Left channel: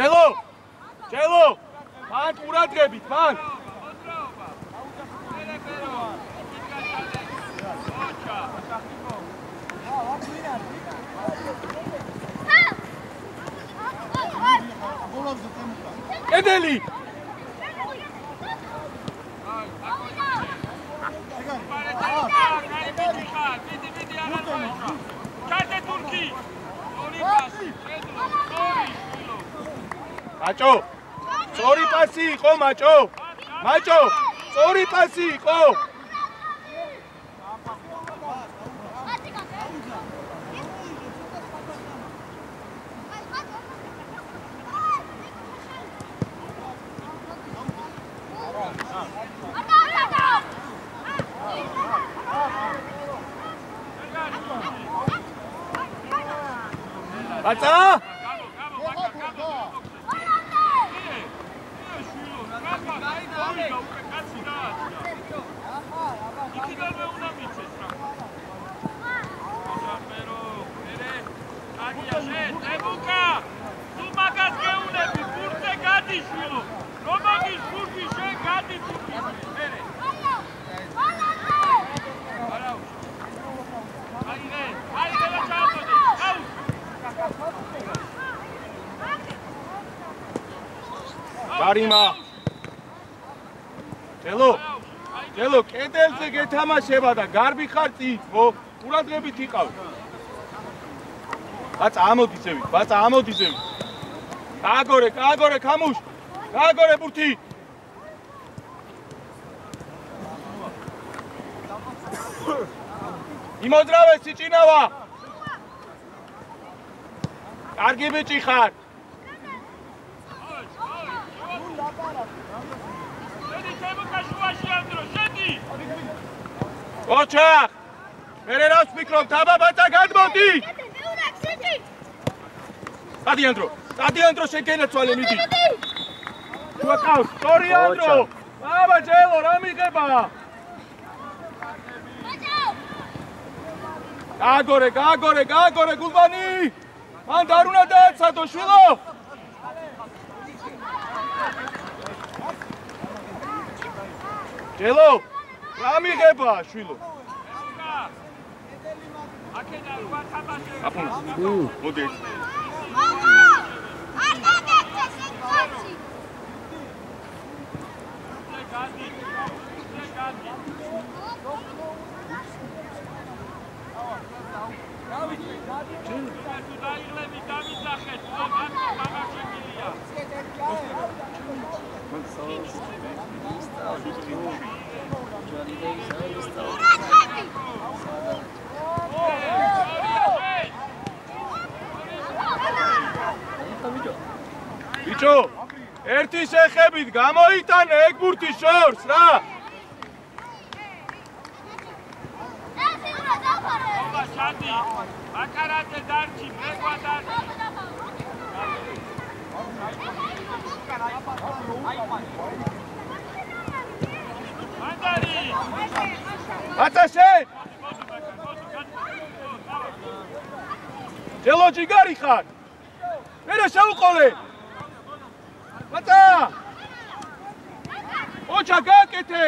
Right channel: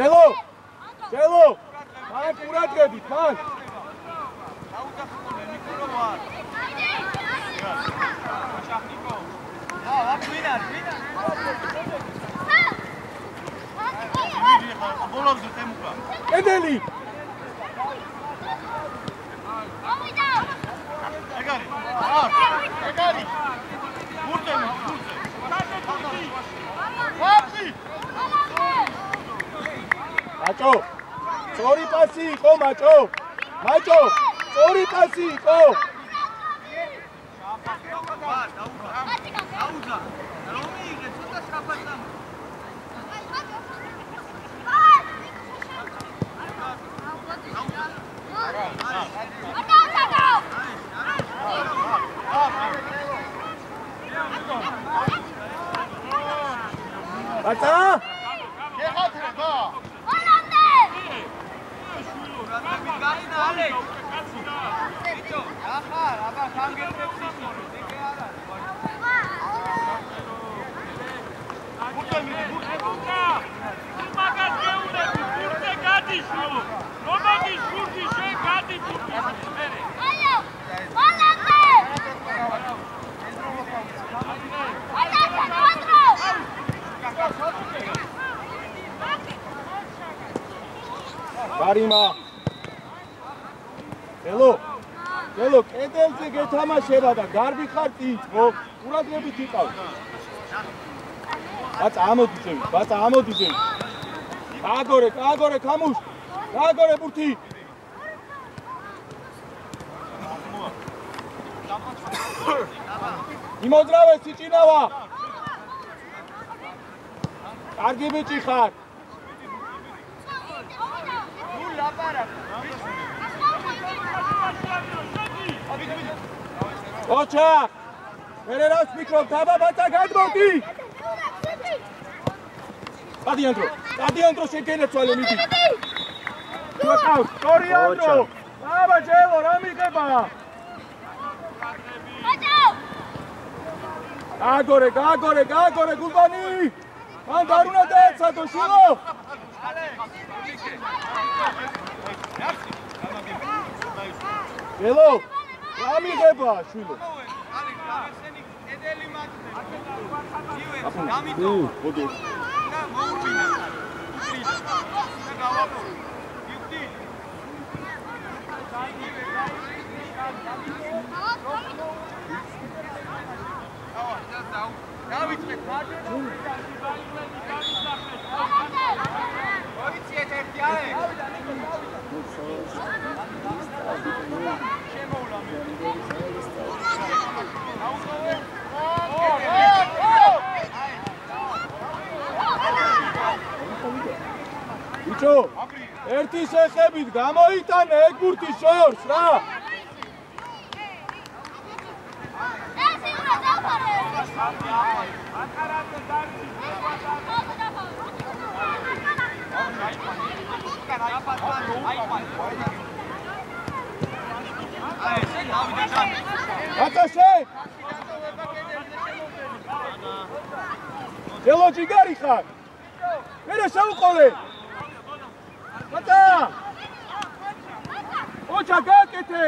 ჯელო! ჯელო! მან ყურადღებით, მან! კედელი! მაჭო! სწორი პასი იყო, მაჭო! მაჭო! სწორი პასი იყო! Baca! Barima. Hello. Hello, კედელზე გეთამაშება და გარბი ხარ წინც, ხო? ყურადღებით იყავ. ბაცა, ამოდი ზემი, ბაცა, ამოდი ზემი. გააგორე, გააგორე, ქამუშ. გააგორე ბურთი. იმოძრავე სიჭინავა. კარგი ბიჭი ხარ. ოჩა! მერე რავს მიკროფ, დაბა ბაცა გადმოდი! სტადიონდრო შეგენაცვალე მიდი. თუ აკავს, სტორიანდრო! აბა ჯელო, რა მიღება? გააგორე, გულბანი! მან არ უნდა დაეცადო, შვილო! ჯელო! რა მიღება, შვილო? მოდი. ბიჭო, ერთი შეხებით გამოიტანე ეგ ბურთი შორს რა. აკარატე დარჩი, ატაშე! ჯელო ჯიგარი ხარ? მერე შევუყოლე! ბატა! ოჩა გაკეთე!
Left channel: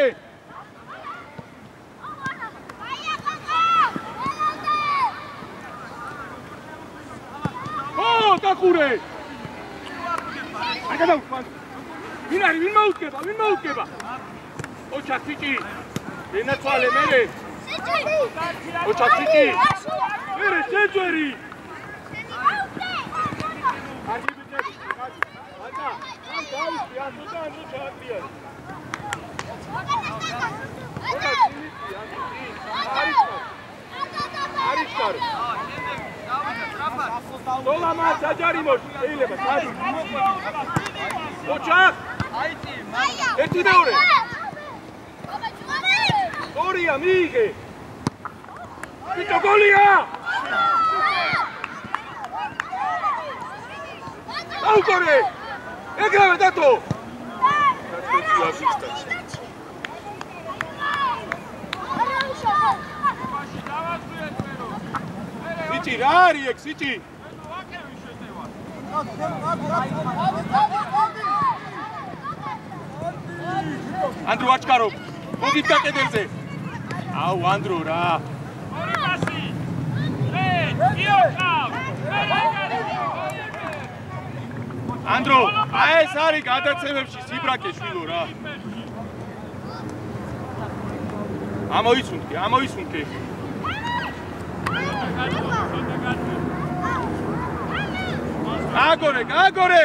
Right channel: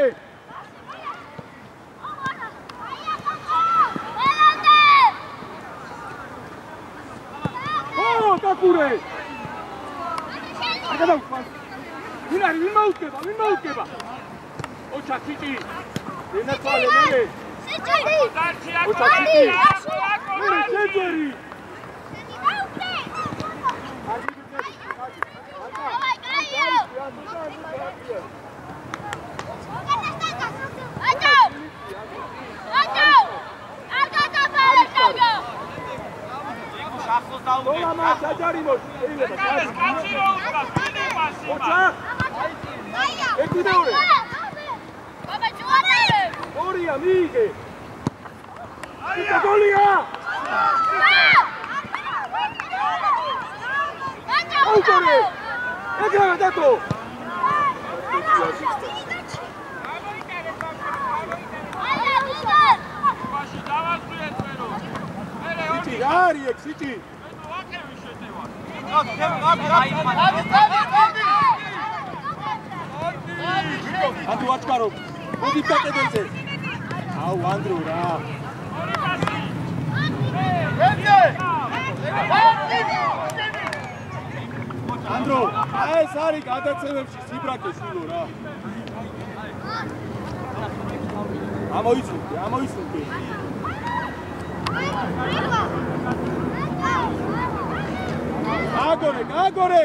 ო, დაკურე! აგადავყვა! ვინ არის? ვინ მოუდგება? ოჩა სიჭი! ენაცვალე მერე! სიჭი! ოჩა სიჭი! მერე შეძვერი! Dolama sajarimosh, შეიძლება ჩადი. ოჩა! ერთი მეორე. ორია მიიღე. იქა გოლია! აუტორე! ეგრევე დათო! სიჭი, რა არის ეგ სიჭი? Andrew Achkaro, მოდით დაკეტებზე. აუ, Andrew რა. Andrew, აი ეს არის გადაცემებში სიბრაკე შვილო რა. ამოიცუნდი. გაგორე.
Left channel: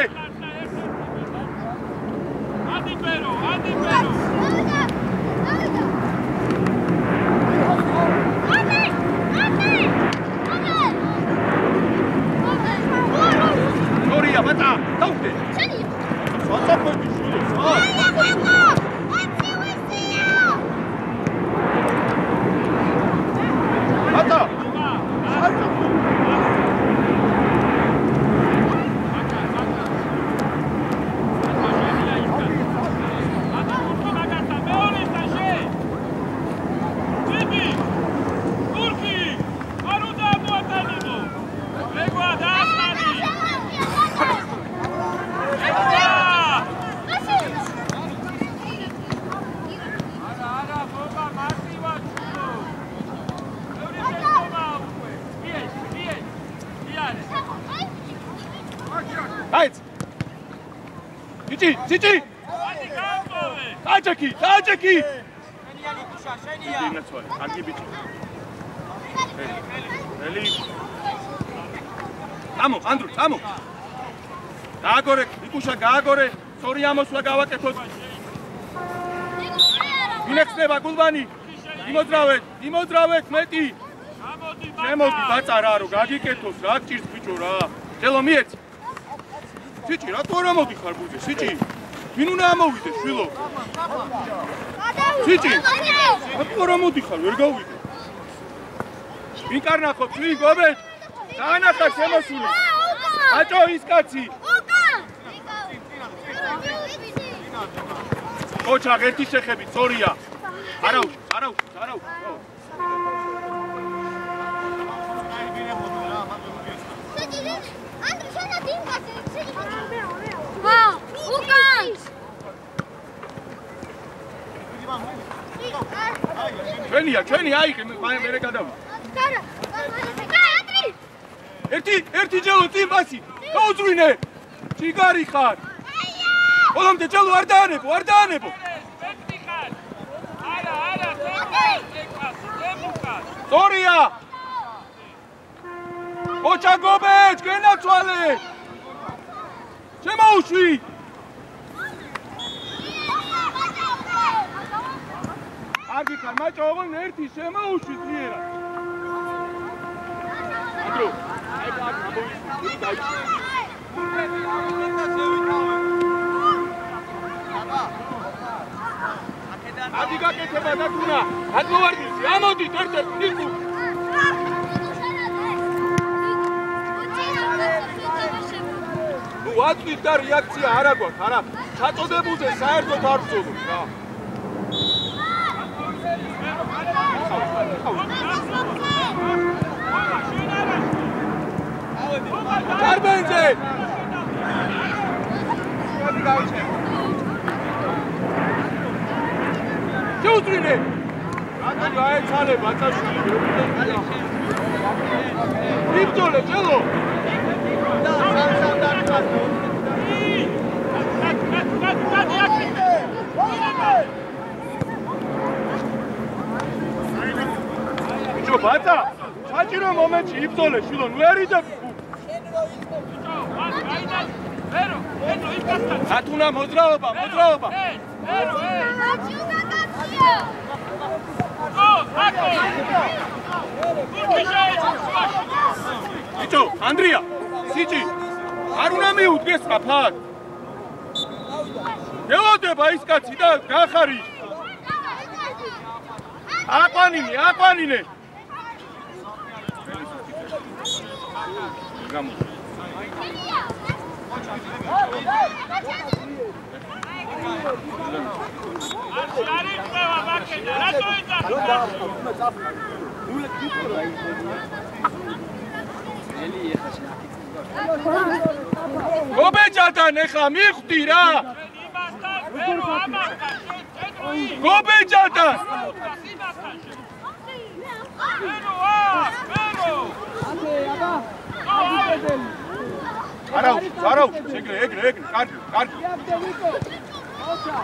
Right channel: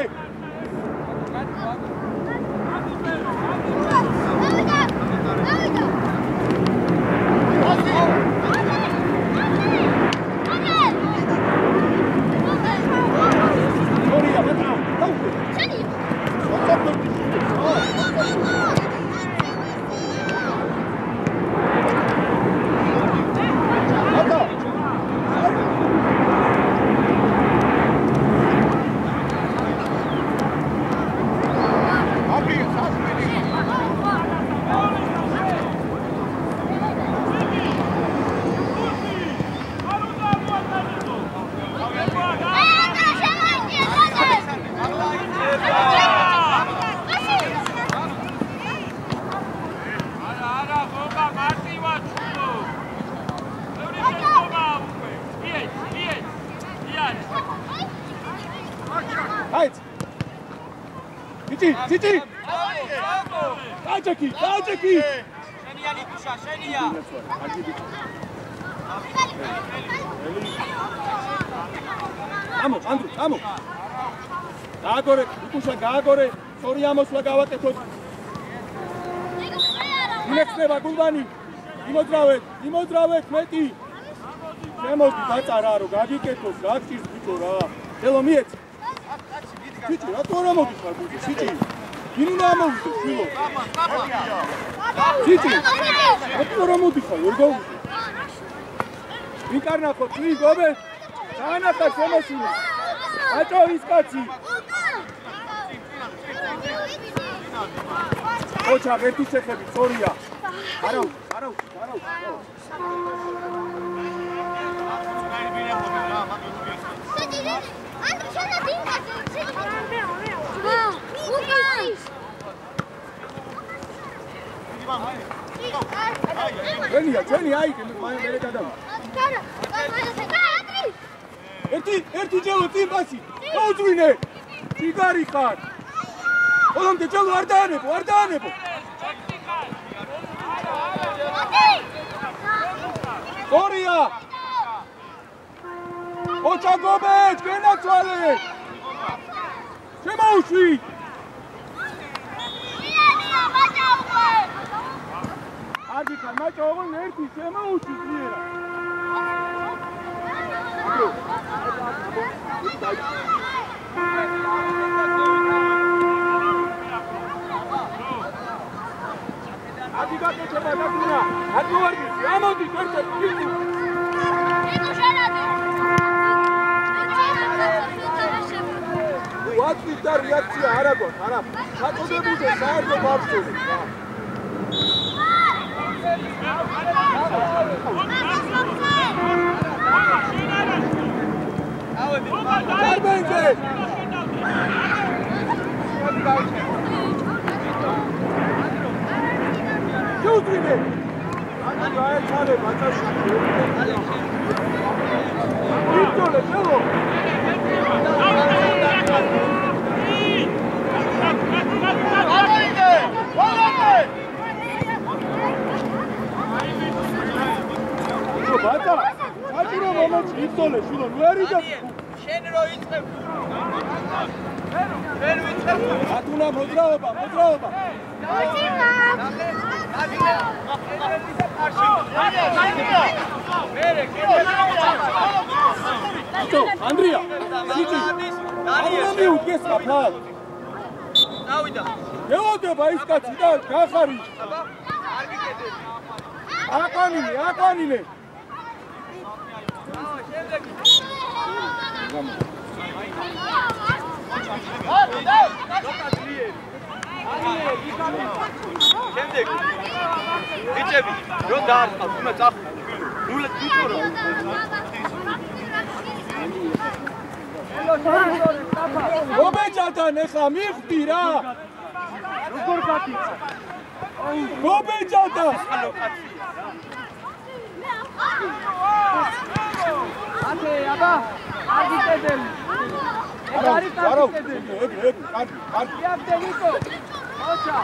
Cici! Tajaki! Shenia Likusha, Shenia! Amo! Gaagore, Likusha, Gaagore, sorry, amosla გავაკეთოთ. Inexneva Gulbani, იმოძრავეთ მეტი. შემოდი ბაწარა რო გაგიკეთოს, რა გჭირს ბიჭო რა. ხელო მიეც. Cici, რა თქმა უნდა მოდიხარ გულზე, Cici. ვინ უნდა ამოვიდეს, შვილო? Cici. რა თქმა უნდა მოდიხარ, ვერ გავიდე. ვინ კარნახობს, ვინ გობეთ? დაანახა შემოსული. ბაჭო ის კაცი. ოჩა ერთი შეხები, სწორია. არა. ჩვენი აიღე მე გადავა. ერთი ჯელო წინ პასი. გაუძვინე. ციგარი ხარ. ყველამდე ჯელო არ დაანებო. Sorria! Ocha Gomez, გენაცვალე! შემოუშვი! აგიქა მაჭო ოღონ ერთი შემოუშვი ძლიერად. ადი გაკეთება დაკუნა. აკმოვარდის, ამოდით ერთ-ერთ ფიქრ. ვაწვით და რეაქცია არა გვაქვს, არა. ჩაწოდებულზე საერთოდ არ ვწოვთ რა. დარბენზე! შეუძვინე! გაეცალე ბაწაშვილი. ვიწოლე, ჩელო! ბაცა, საჭირო მომენტში იბრძოლე, შვილო, ნუ ერიდე. შენ რო იწყებ. ათუნა მოძრაობა. Ito, Andrea, Cici, არ უნდა მიუდგეს ხაფად. დავიდა. ელოდება ის კაცი და გახარი. აყვანინე. გამო. რომ დაახავ, უნდა წახ. ნუ ლეთქო რა. გობეჯადან ეხა მიხვდი რა როგორ გაკი გობეჯადან აკე აბა აგიტებელი არა ეგრე კარგი იაბდე ვიკო ოჩა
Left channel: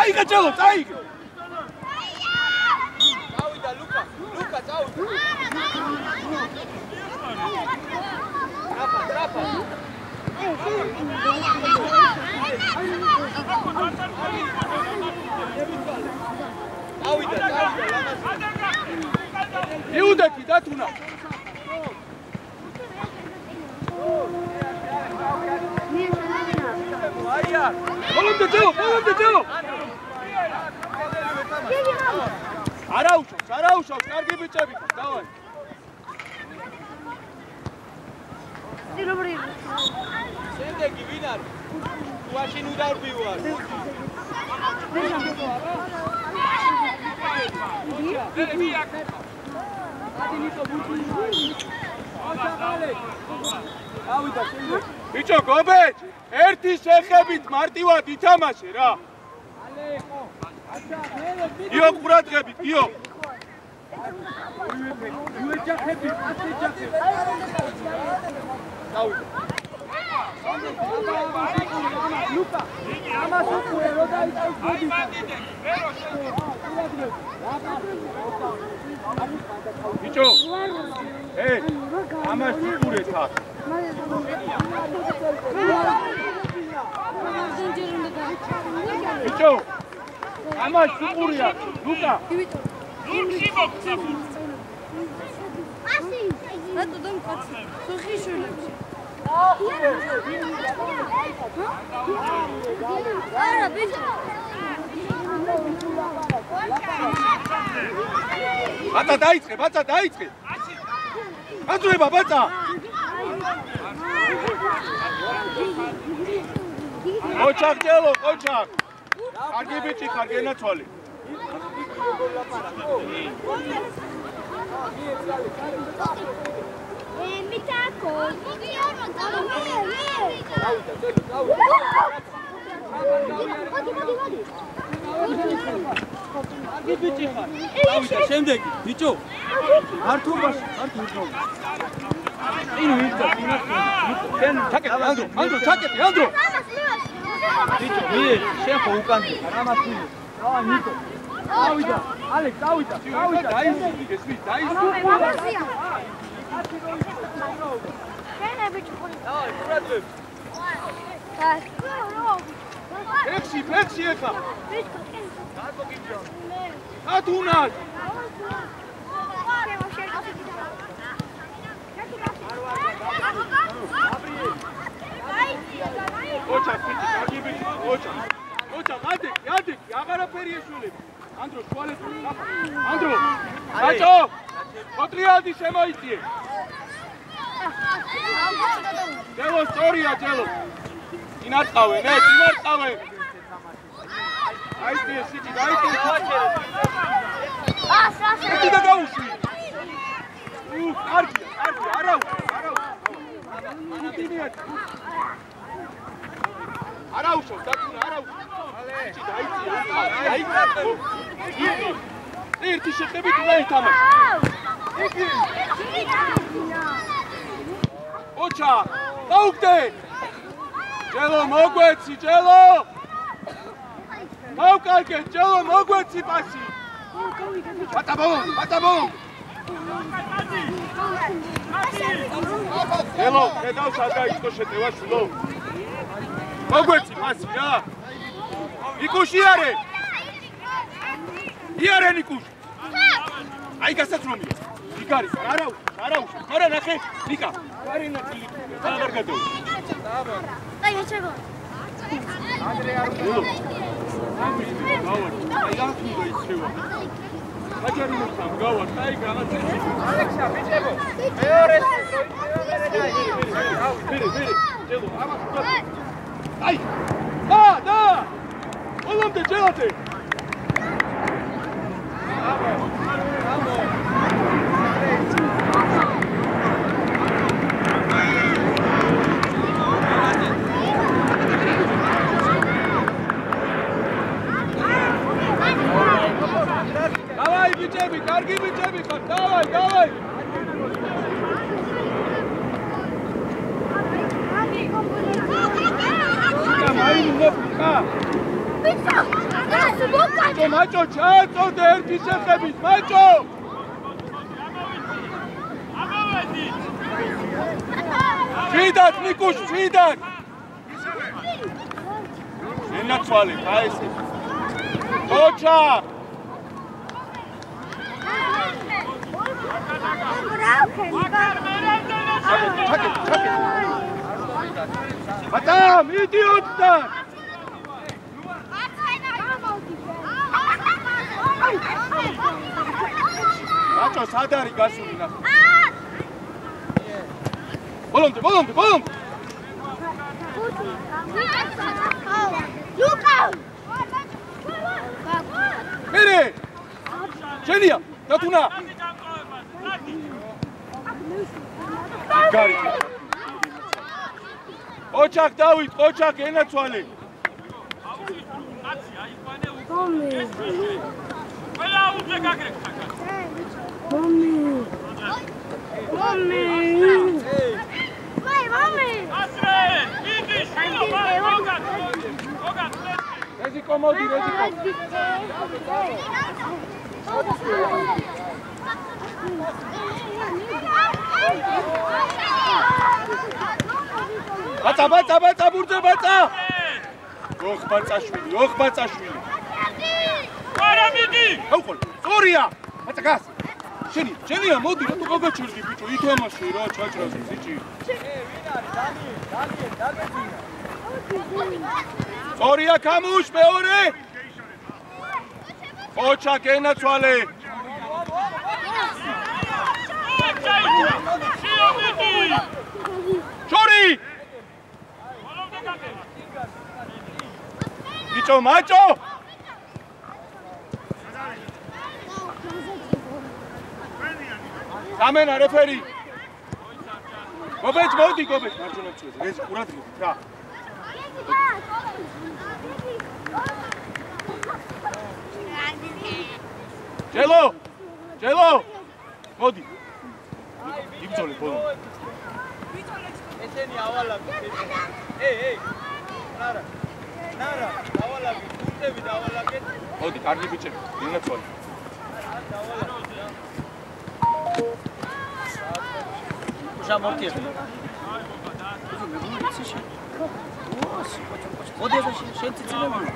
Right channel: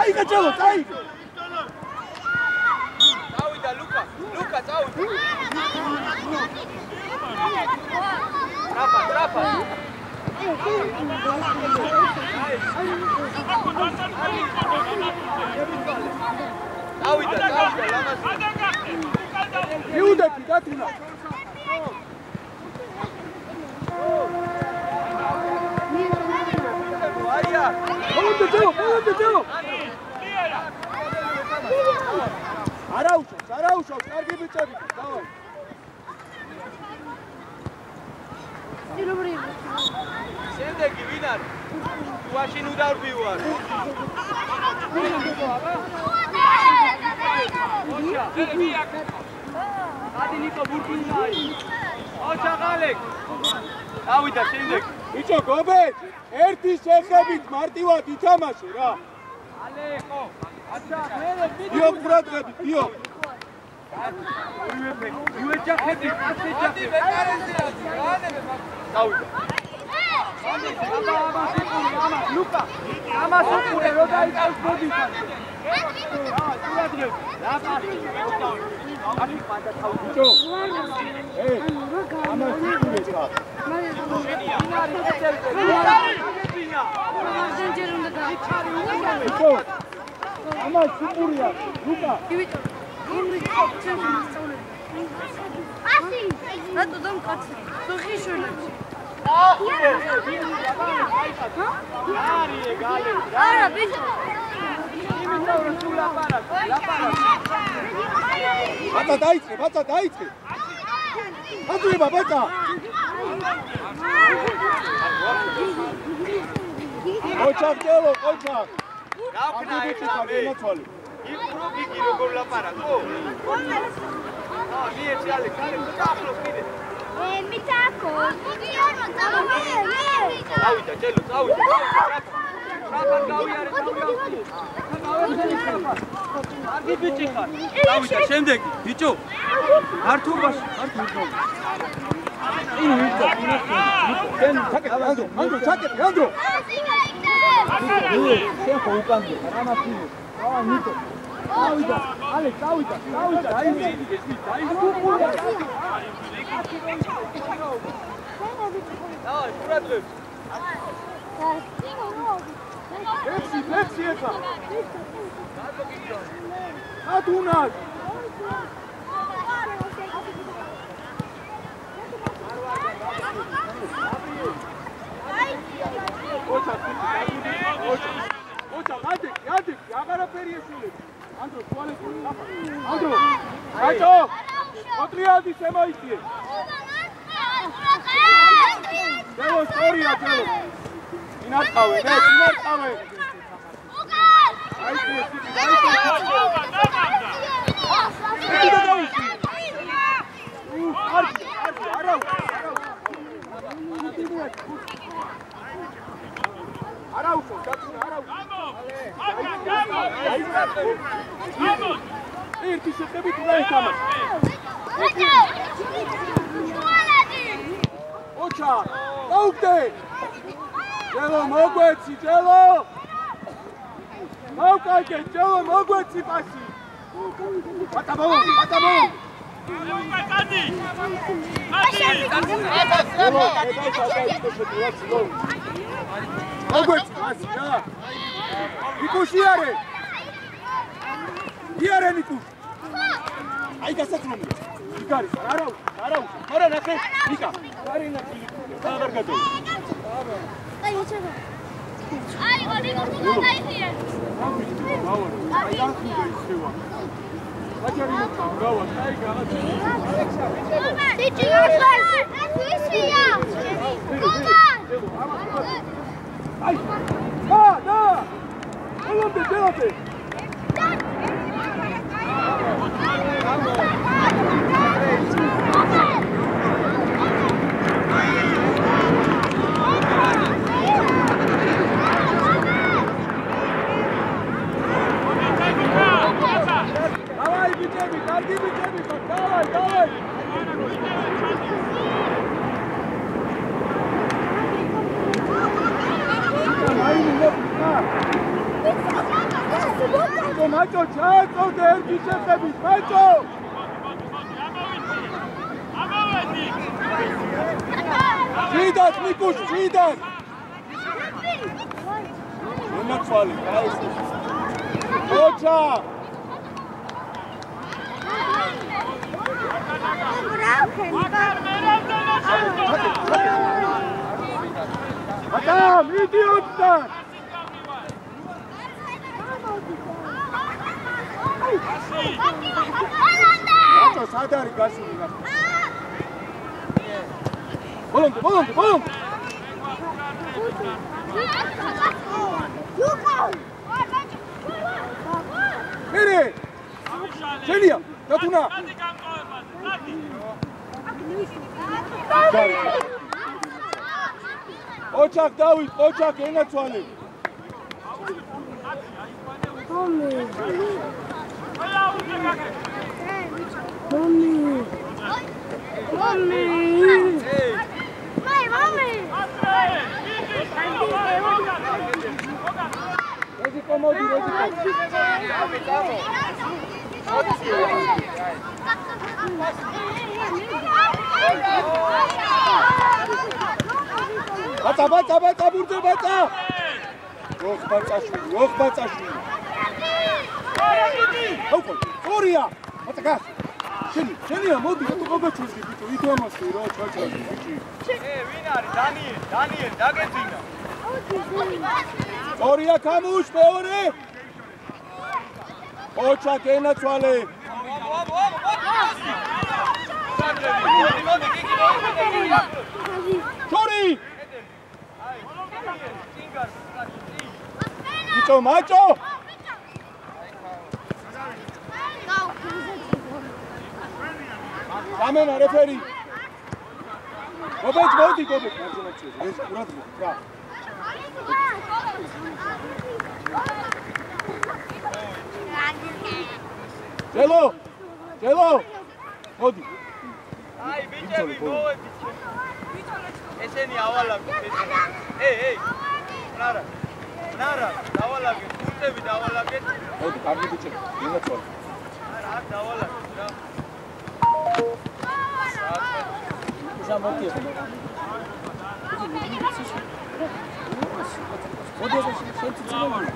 Aiga, Chelo, aiga! Dauida, Luca, dauida! Trapa! Dauida, Iudati, dati una! Volante, Chelo! Araușo, cargi bicebi, davai. Შემდეგი ვინ არის? მაშინ უდარბი ვარ. ადინიკო ბურკინა. ოჩა ღალეკ. დავიდა შემდეგ. ბიჭო, გობეთ, ერთი შეხებით მარტივად ითამაშე რა. ალეყო. აჩა, მერე ბიჭო. იო ყურადღებით, იო. იუეჯახები, ასეჯახები. დავიდა. Luca, ამას უყურე რო დაიწყოს გოდისა. ბიჭო. ამას უყურე ხა. ბიჭო. ამას უყურია, ლუკა. ასი. რატო დამკაცი? სოხი შულებს. Ara, bicho. Bata daitse. Adzeba, bata. Ochak Chelo, ochak. Argi bichi khadena chole. Gigi როგორ ლაპარაკო? მიეცი ალე, მიტაკო. დავიდა, Chelo, დავიდა. არგი ბიჭი ხარ. დავიდა, შემდეგი, ბიჭო. მართობაში, მართო. წინ ვიდა, წინ ჩაკეტი, ანდრო, ჩაკეტი, ანდრო. ბიჭო, მე შენ ხო უკანდი, რამათი. აა, ნიკო. დავიდა, ალე, დავიდა, დაიძინე, დაიძინე. Давай, курадрып. Так. Пепси ეხა. Адунას. ოჩა, გაგიბი, ოჩა. ოჩა, გადი, აღარაფერი ესულებს. ანდრო, ტუალეტი. ანდრო. ბაჭო. ოტრიადი შემოიწიე. Chelo, სწორია, Chelo. ინარყავე, ინარყავე. აიწე, სიტი, დაიწე. სიტი და დაუშვი. კარგი, არაუ. სიტი მიაჩ. არაუშო, დაწუნა, არაუ. დაიწე. ერთი შეხებით უნდა ითამაშო. ოჩა, დაუგდე! Chelo, მოგვეცი, Chelo! მოვკარგე, Chelo, მოგვეცი პასი! ბატაბო! Chelo, კედავს გადაიწყო შეტევა ცლო. მოგვეცი პასი რა! ნიკუში არე! იარე ნიკუში! აი გასაცრომია! იგარის, არაუ! მარა ნახე, ნიკა! კარინა ხილი, აღარ გადო. აი მოჩება. აი, გამი, გავარ. აი, რა ხდება ისევა. საჯარი მოხდა, გავა, აი განაცემა. ალექსა, ბიჭებო. აი! და! ელამდე ჯელათე. Давай, бичები, კარგი бичები ხარ. Давай. მაჭო, ჩააწოდე ერთი შეხებით, მაჭო! ამოვედი! შვიდად, მიკუშ, შვიდად! ენაცვალი, დაესე. ოჩა! Adam, idiotlar! Macho, sadari gasuli na. Bolonde! Luka! Mere! Genia, datuna! ოჩაკ დავით, ოჩაკ ენაცვალე. მომი. ყველა უკვე გაგრე. მომი. მომი. ასრე, იგი შეგა. რეზი კომოდი, რეზი. Baca, burda baca. Yok bacaşvili. Soria. Baca gas. Şeni ya, modi, tu gabaçurgi biço, ითამაში რა, ჩაჭრას ბიჭი. ვინ არის? დანიელ, დაგეძინა. Soria kamush მეორე. ოჩაკ ენაცვალე. Chori! Bicho macho! Amena referi. Gobet modi. Ez urat ra. Jelo. Modi. Ai, bicho. ესენი ავალაგე. ეი. ნარა, დავალაგე, კურტები დავალაგე. მოდი, კარგი ბიჭები, იმეცვალე. არა, დავალაგე რა. უშა მოკიე. მოდი, შენ წიწილები.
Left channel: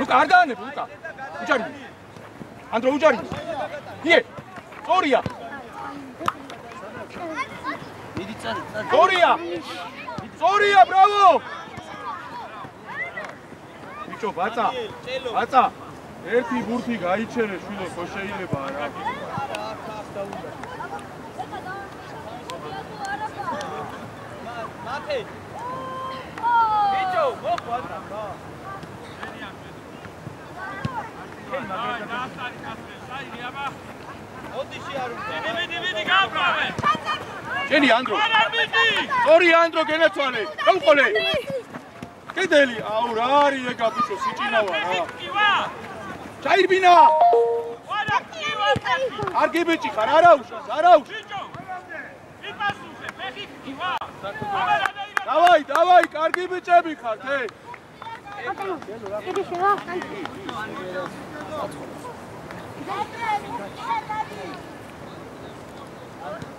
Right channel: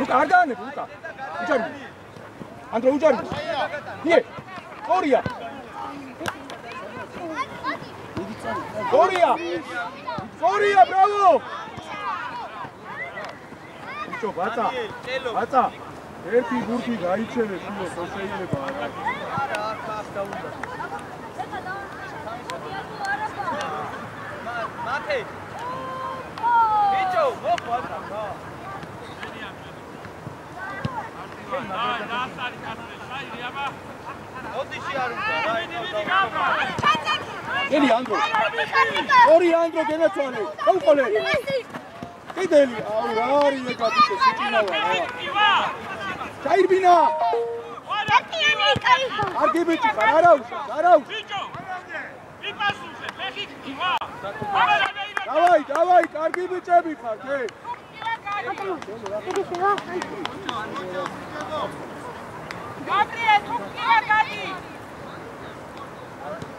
ლუკა, არ დაანებ, ლუკა. უჯარი. ანდრო უჯარი. ие. ორია. Soria, bravo! Bicho, baca. ერთი გურთი გაიჩერე, შულო, ხო შეიძლება არა. არა, აქ დაუნდა. მათე. Bicho, მოყვადა რა. ოდიში არ უნდა. ვიდი გაბრალე. Eli Andro. Ori Andro genetsuale. Qalqole. Kedeli aurari ეკაბიჭო სიჭინავა. ჩაირბინა. კარგი ბიჭი ხარ, არა უშავს. ბიჭო. იპასუხე, ფეხი ქივა. დავაი, კარგი ბიჭები ხართ,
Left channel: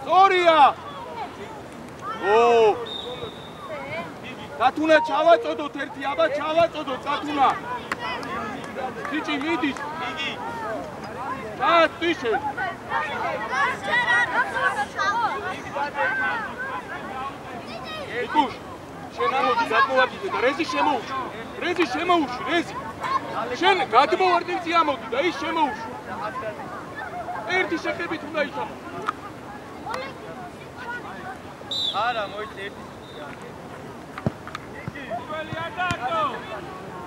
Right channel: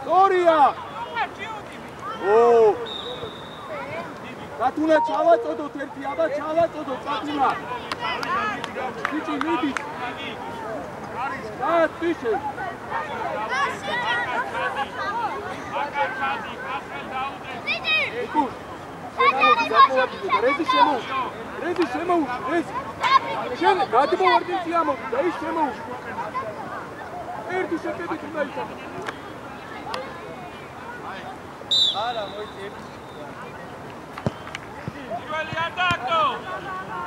Soria! Oh! Katuna ჩავაწოდოთ ერთი, აბა ჩავაწოდოთ Katuna. Ბიჭი მიდის. ტიშე. ეკუ. შენ ამოდი, რეზი შემოუშვი, რეზი. შენ გადმოვარდნილ ამოდი და ის შემოუშვა. ერთი შეხედვით უნდა ითამაშო. არა, მოიწე ერთი. პირველი ატაკო.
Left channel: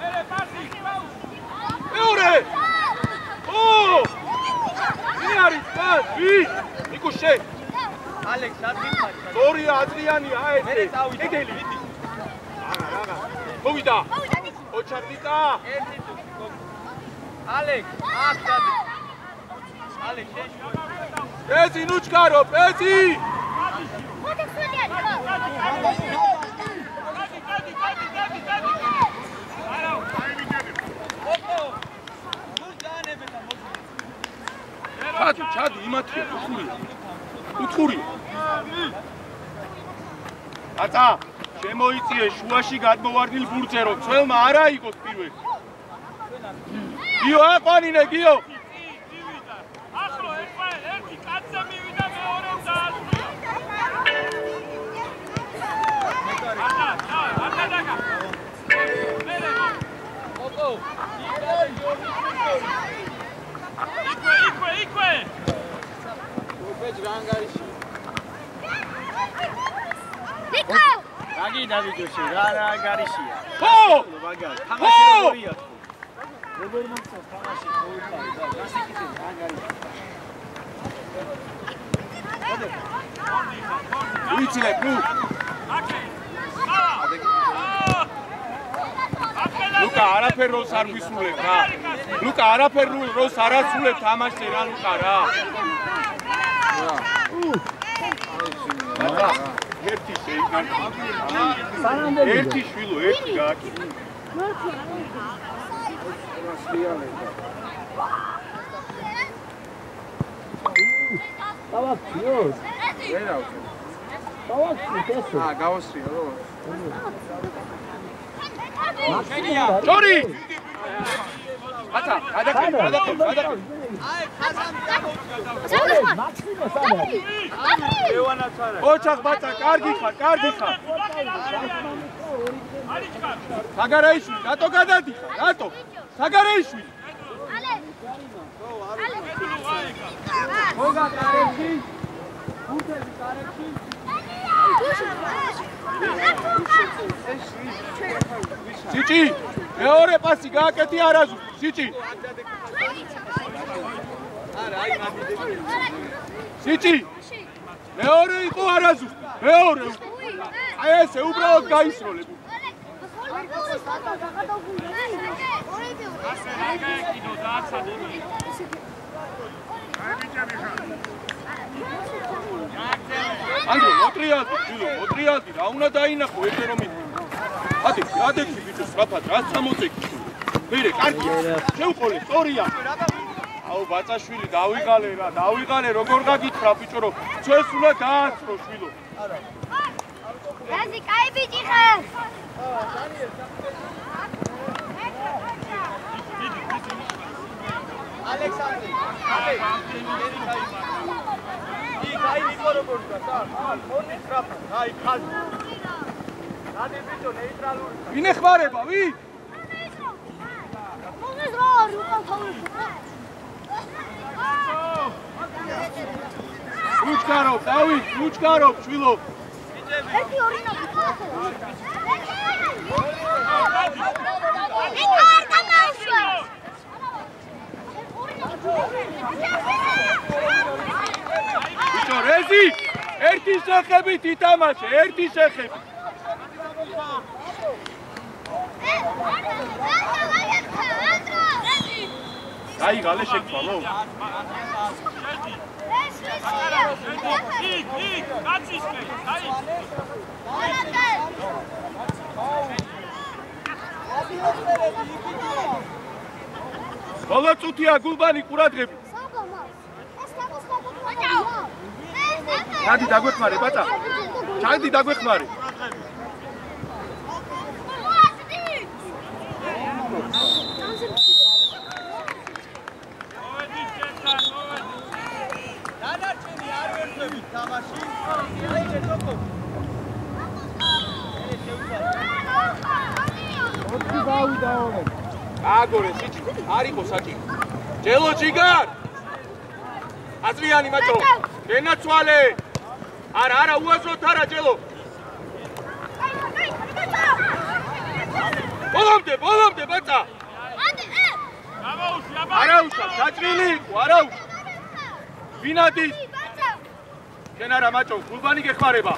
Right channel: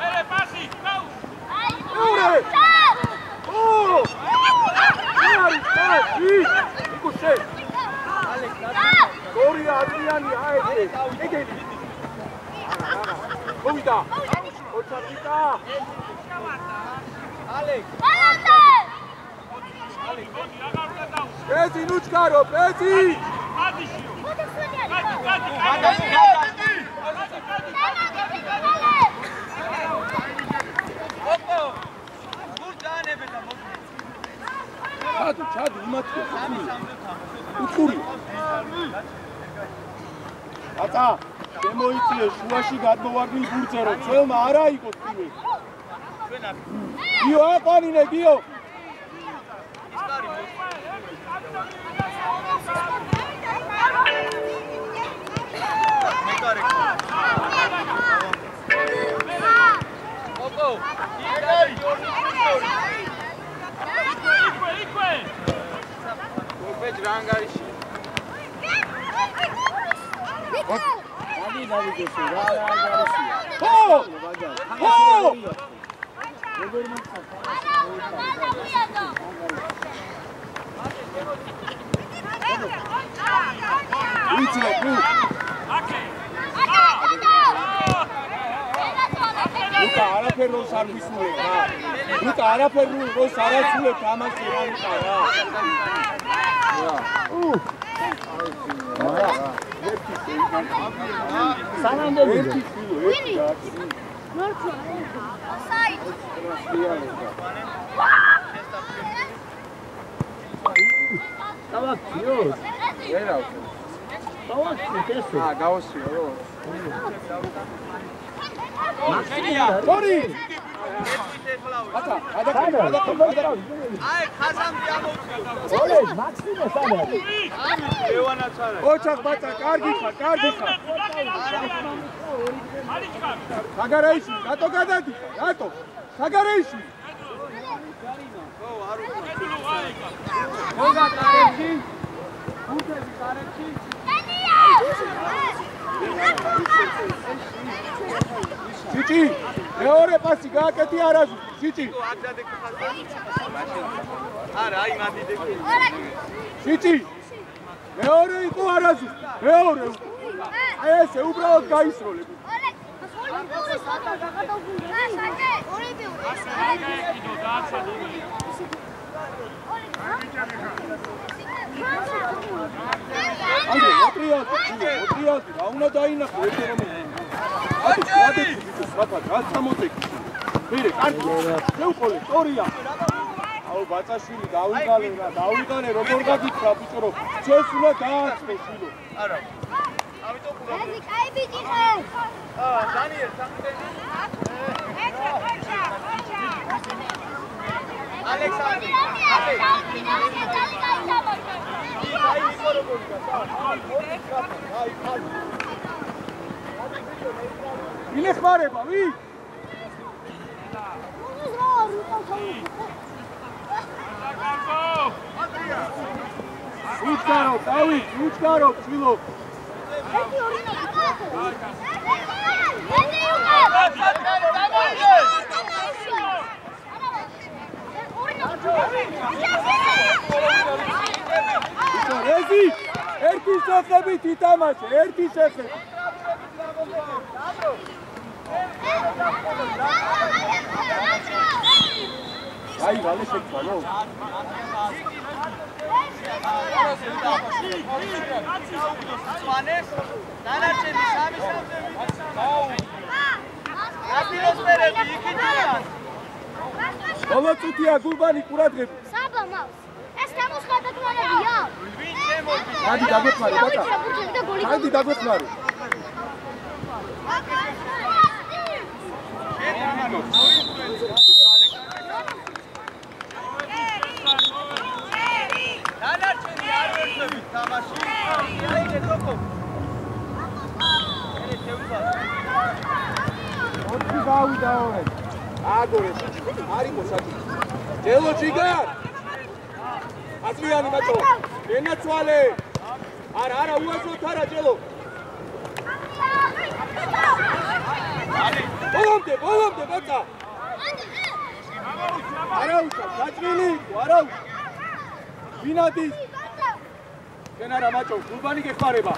ელე პასი, გაუ. მეორე! ო! ვინ არის პასი? ნიკო შენ. ალექს ნაცი. ორი ადრიანია ეს. ეგელი. არა. მოვიდა. ოჩარდიკა. ალექს. ალექს. პეზი ნუჩკარო, პეზი. ჩადი იმათია უთხური ატა შემოიწიე შუაში გადმოვარდნილ ბურთზე რომ ძველმა არა იყოს პირველი გიო აყვანინე გიო Luka არაფერ როლს არ ვისურვებ რა. Luka არაფერ როლს არ ასრულებ თამაში რა Luka რა. ერთი შეიგან. ერთი შვილო, ერთი გააკი. Tori! Ata, აი, ხაზამდე ამოვიდა. მაქსიმო სადა. ლევანაც არა. ოჩახ ბაცა, კარგი ხარ. არიჩქა. საგარეიშვილი, რატო გადადიხარ? რატო? საგარეიშვილი. მოგა კარებში. გუთები კარებში. სიჭი, მეორე პასი გააკეთი არაზუ. სიჭი. არა, აი მადიდები. სიჭი. მეორე იყო არაზუ. მეორე. აი ესე უბრალოდ გაისროლებ. Ande, მოტრიალდი, რა უნდა დაინახო ერთი რომ ადეთი ბიჭო, სწრაფად, რა 60 კი. მერე, კარგი. შეუყოლე, სწორია. აუ, ბაწაშვილი, დავიღალე, როგორ გაგითხრა ბიჭო, რომ ჩვენს უნდა დააცნო შვილო. არა. რაზი, კაი ბიჭი ხარ. დანიელ, ალექსანდრე, აი ნიკო როგორ გასა? ორი ტრაპი, აი ხალხი. რადი ბიჭო ნეიტრალური. ვინ ეხმარება, ვინ? მოგეს რა არ უყავ. უჩქარო, დავით, უჩქარო, შვილო. ერთი ორი ნაკეთო. ბიჭო, რეზი, ერთი შეხებით ითამაშე, ერთი შეხებით. გაიღალე შეკვალო. ბოლო წუთია გულბანი ყურადღები. ეს თემოს გადაგმარებია. ჩადი დაგვეხმარე, ბატა. ჩადი დაგვეხმარე. დანარჩენი არ ვერცებით თამაში. აიგე თოკო. ელე შევივალ. ოთხი გავიდა ორე. აგორე სიჩი არისო საჭი ჯელო ჯიგარ აზრიანი მატო ენაცვალე არა უაზროთ არა ჯელო ბოლომდე ბაცა არაუშავ საჭრილი არაუშ ვინადის შენ არა მაჭო გულბანი გეხმარება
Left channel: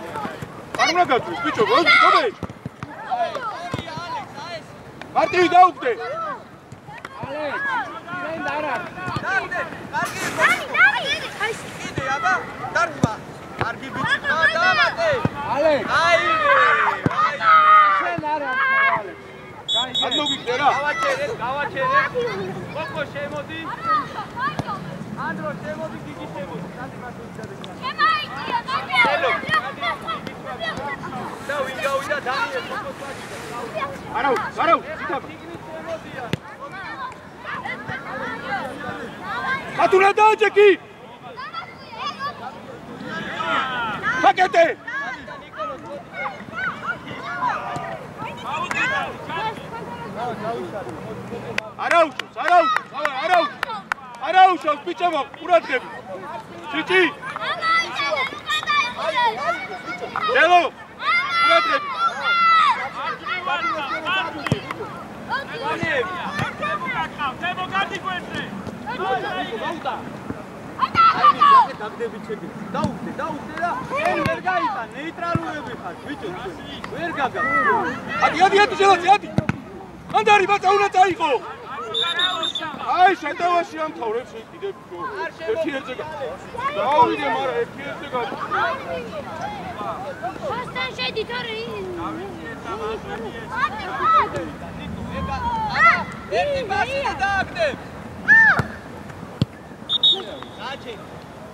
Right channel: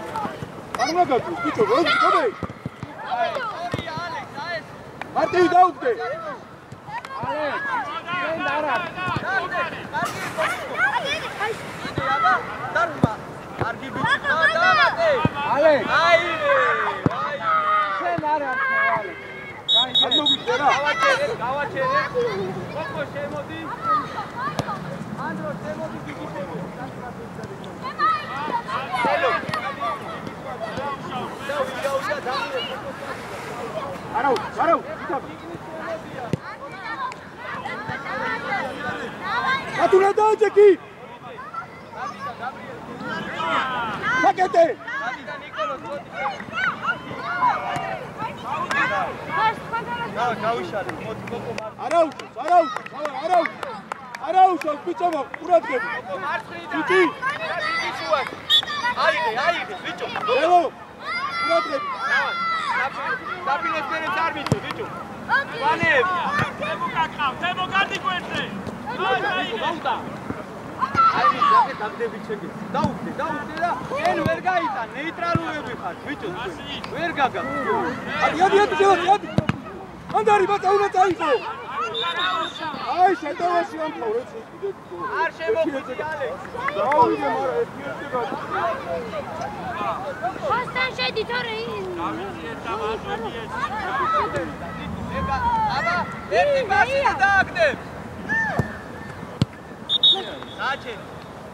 არ უნდა გაგვი ბიჭო გოგე მარტივი დაუგდე ალექ შენ არა კიდე აბა დარბა კარგი ბიჭი დავატე ალექ შენ არა ალექ გავაჩერე კოკო შემოდი ანდრო შემოდი გიგი შემოდი არაუ ატუნა დააჭეკი პაკეტე არაუშავს ბიჭებო ყურადღები ჩიჩი აიგე ბიჭო დელო ყურადღები დაბინესკერე ზარმიჩი ბიჭო ვანებ თემო გადი გვერდზე გაუტა აი მიზაკე დაგდები ჩეკი დაუგდე და ენ ვერ გაიტან ნეიტრალურები ხარ ბიჭო ვერ გაგა ადი შედი ანდარი ბაცა უნდა წაიღო აი შეტევაში ამთავრე კიდე არ შემოგვიალე დავიდე მაგრამ ერთიერთი გადი ხოსთან შედი თორე აბა ერთი პასი დააგდებ საჩე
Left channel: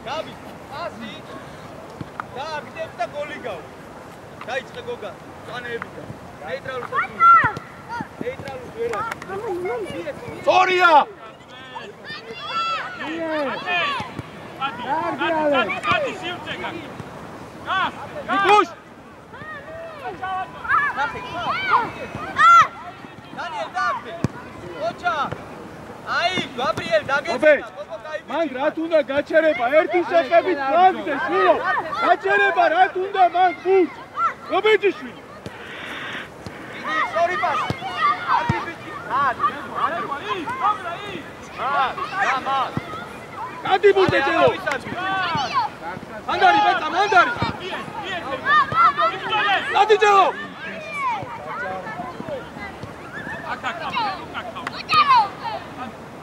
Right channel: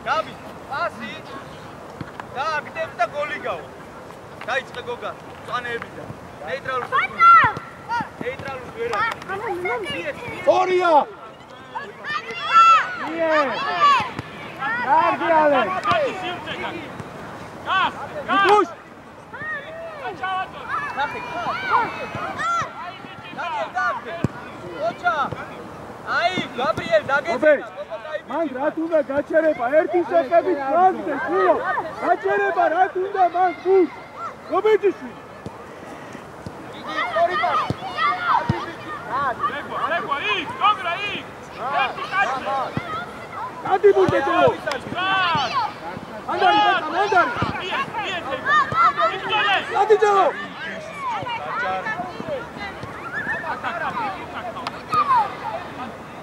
გაბი პასი დააგდებ და გოლი გავა დაიწყე გოგა წანეებიდან ნეიტრალურ ნეიტრალურ ვერა სორია კარგი ალე გადი სიუცე გაგი გას გას დანიელ დაგდე ოჩა აი გაბრიელ დაგეწე მან რათ უნდა გაჩერება ერთი შეხედვით გაგდე შიო გაჩერება რათ უნდა მან გუს გობეჯიშვილი იგი სწორი პასი გადი ბუდე ჯელო ანდარი ბეჭა მანდარი გადი ჯელო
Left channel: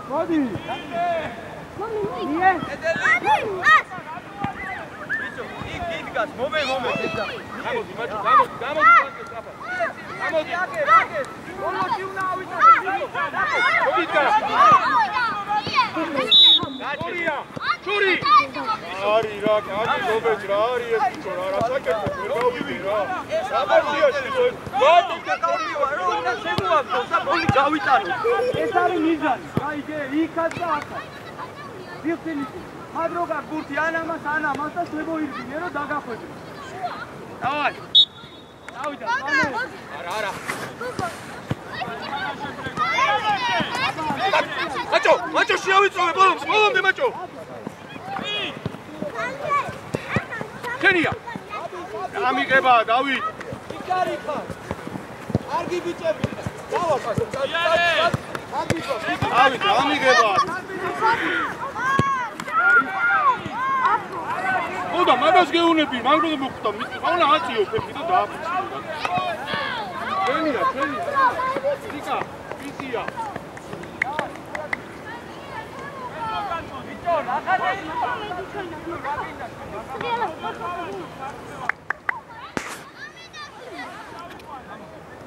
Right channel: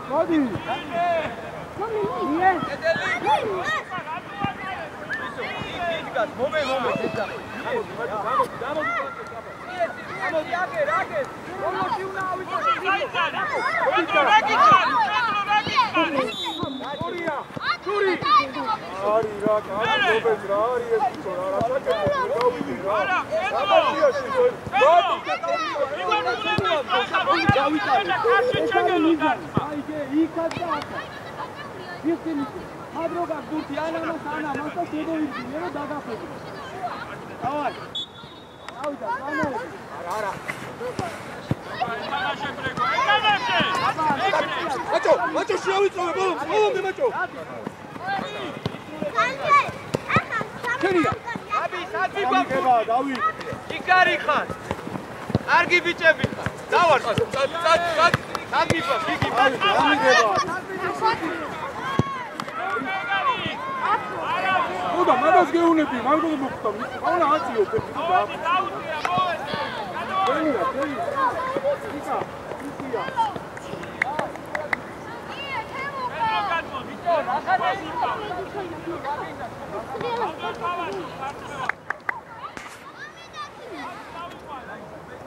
გადი მომე გამოდი აგე რომოში უნდა ავიწო ჩური არი რა კაცი გობეც რა არის ეს ბიჭო რა საკეთო გავიდი რა საბარდიაში გოდი გავიტანე ეს არის მიზანი აი იქაც და ახლა ვიფინიში მადროგა გურთი ანამას და შეგოირდინე რომ დაგახვედრე დავაი დავიდა არა მაჭო შეავიწოვე ბოლომდე მაჭო შენია ამიგება დავით იკარი ხარ კარგი ბიჭები დავარ ამიგება ოდა მაგას გეუნები მაგროდ მოხდა ყველა აციო ფეთი და შენია იკა იკია ბიჭო ნახადე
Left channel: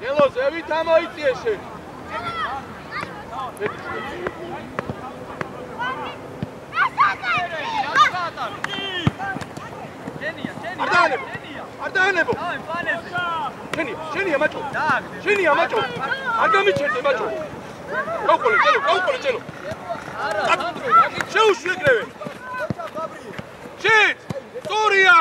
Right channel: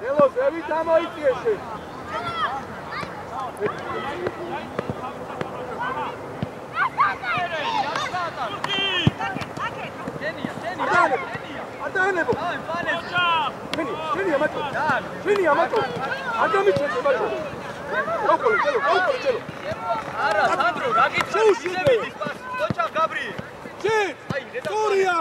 ელო ზევით ამოიწიე შენ არტანებო შენია მაჭო არ გამიჩერდე მაჭო გაუკოლე ჩელო არა სანდრო გაგიჩ შეუშიედრევე ოჩა გაბრიელ შენ სორია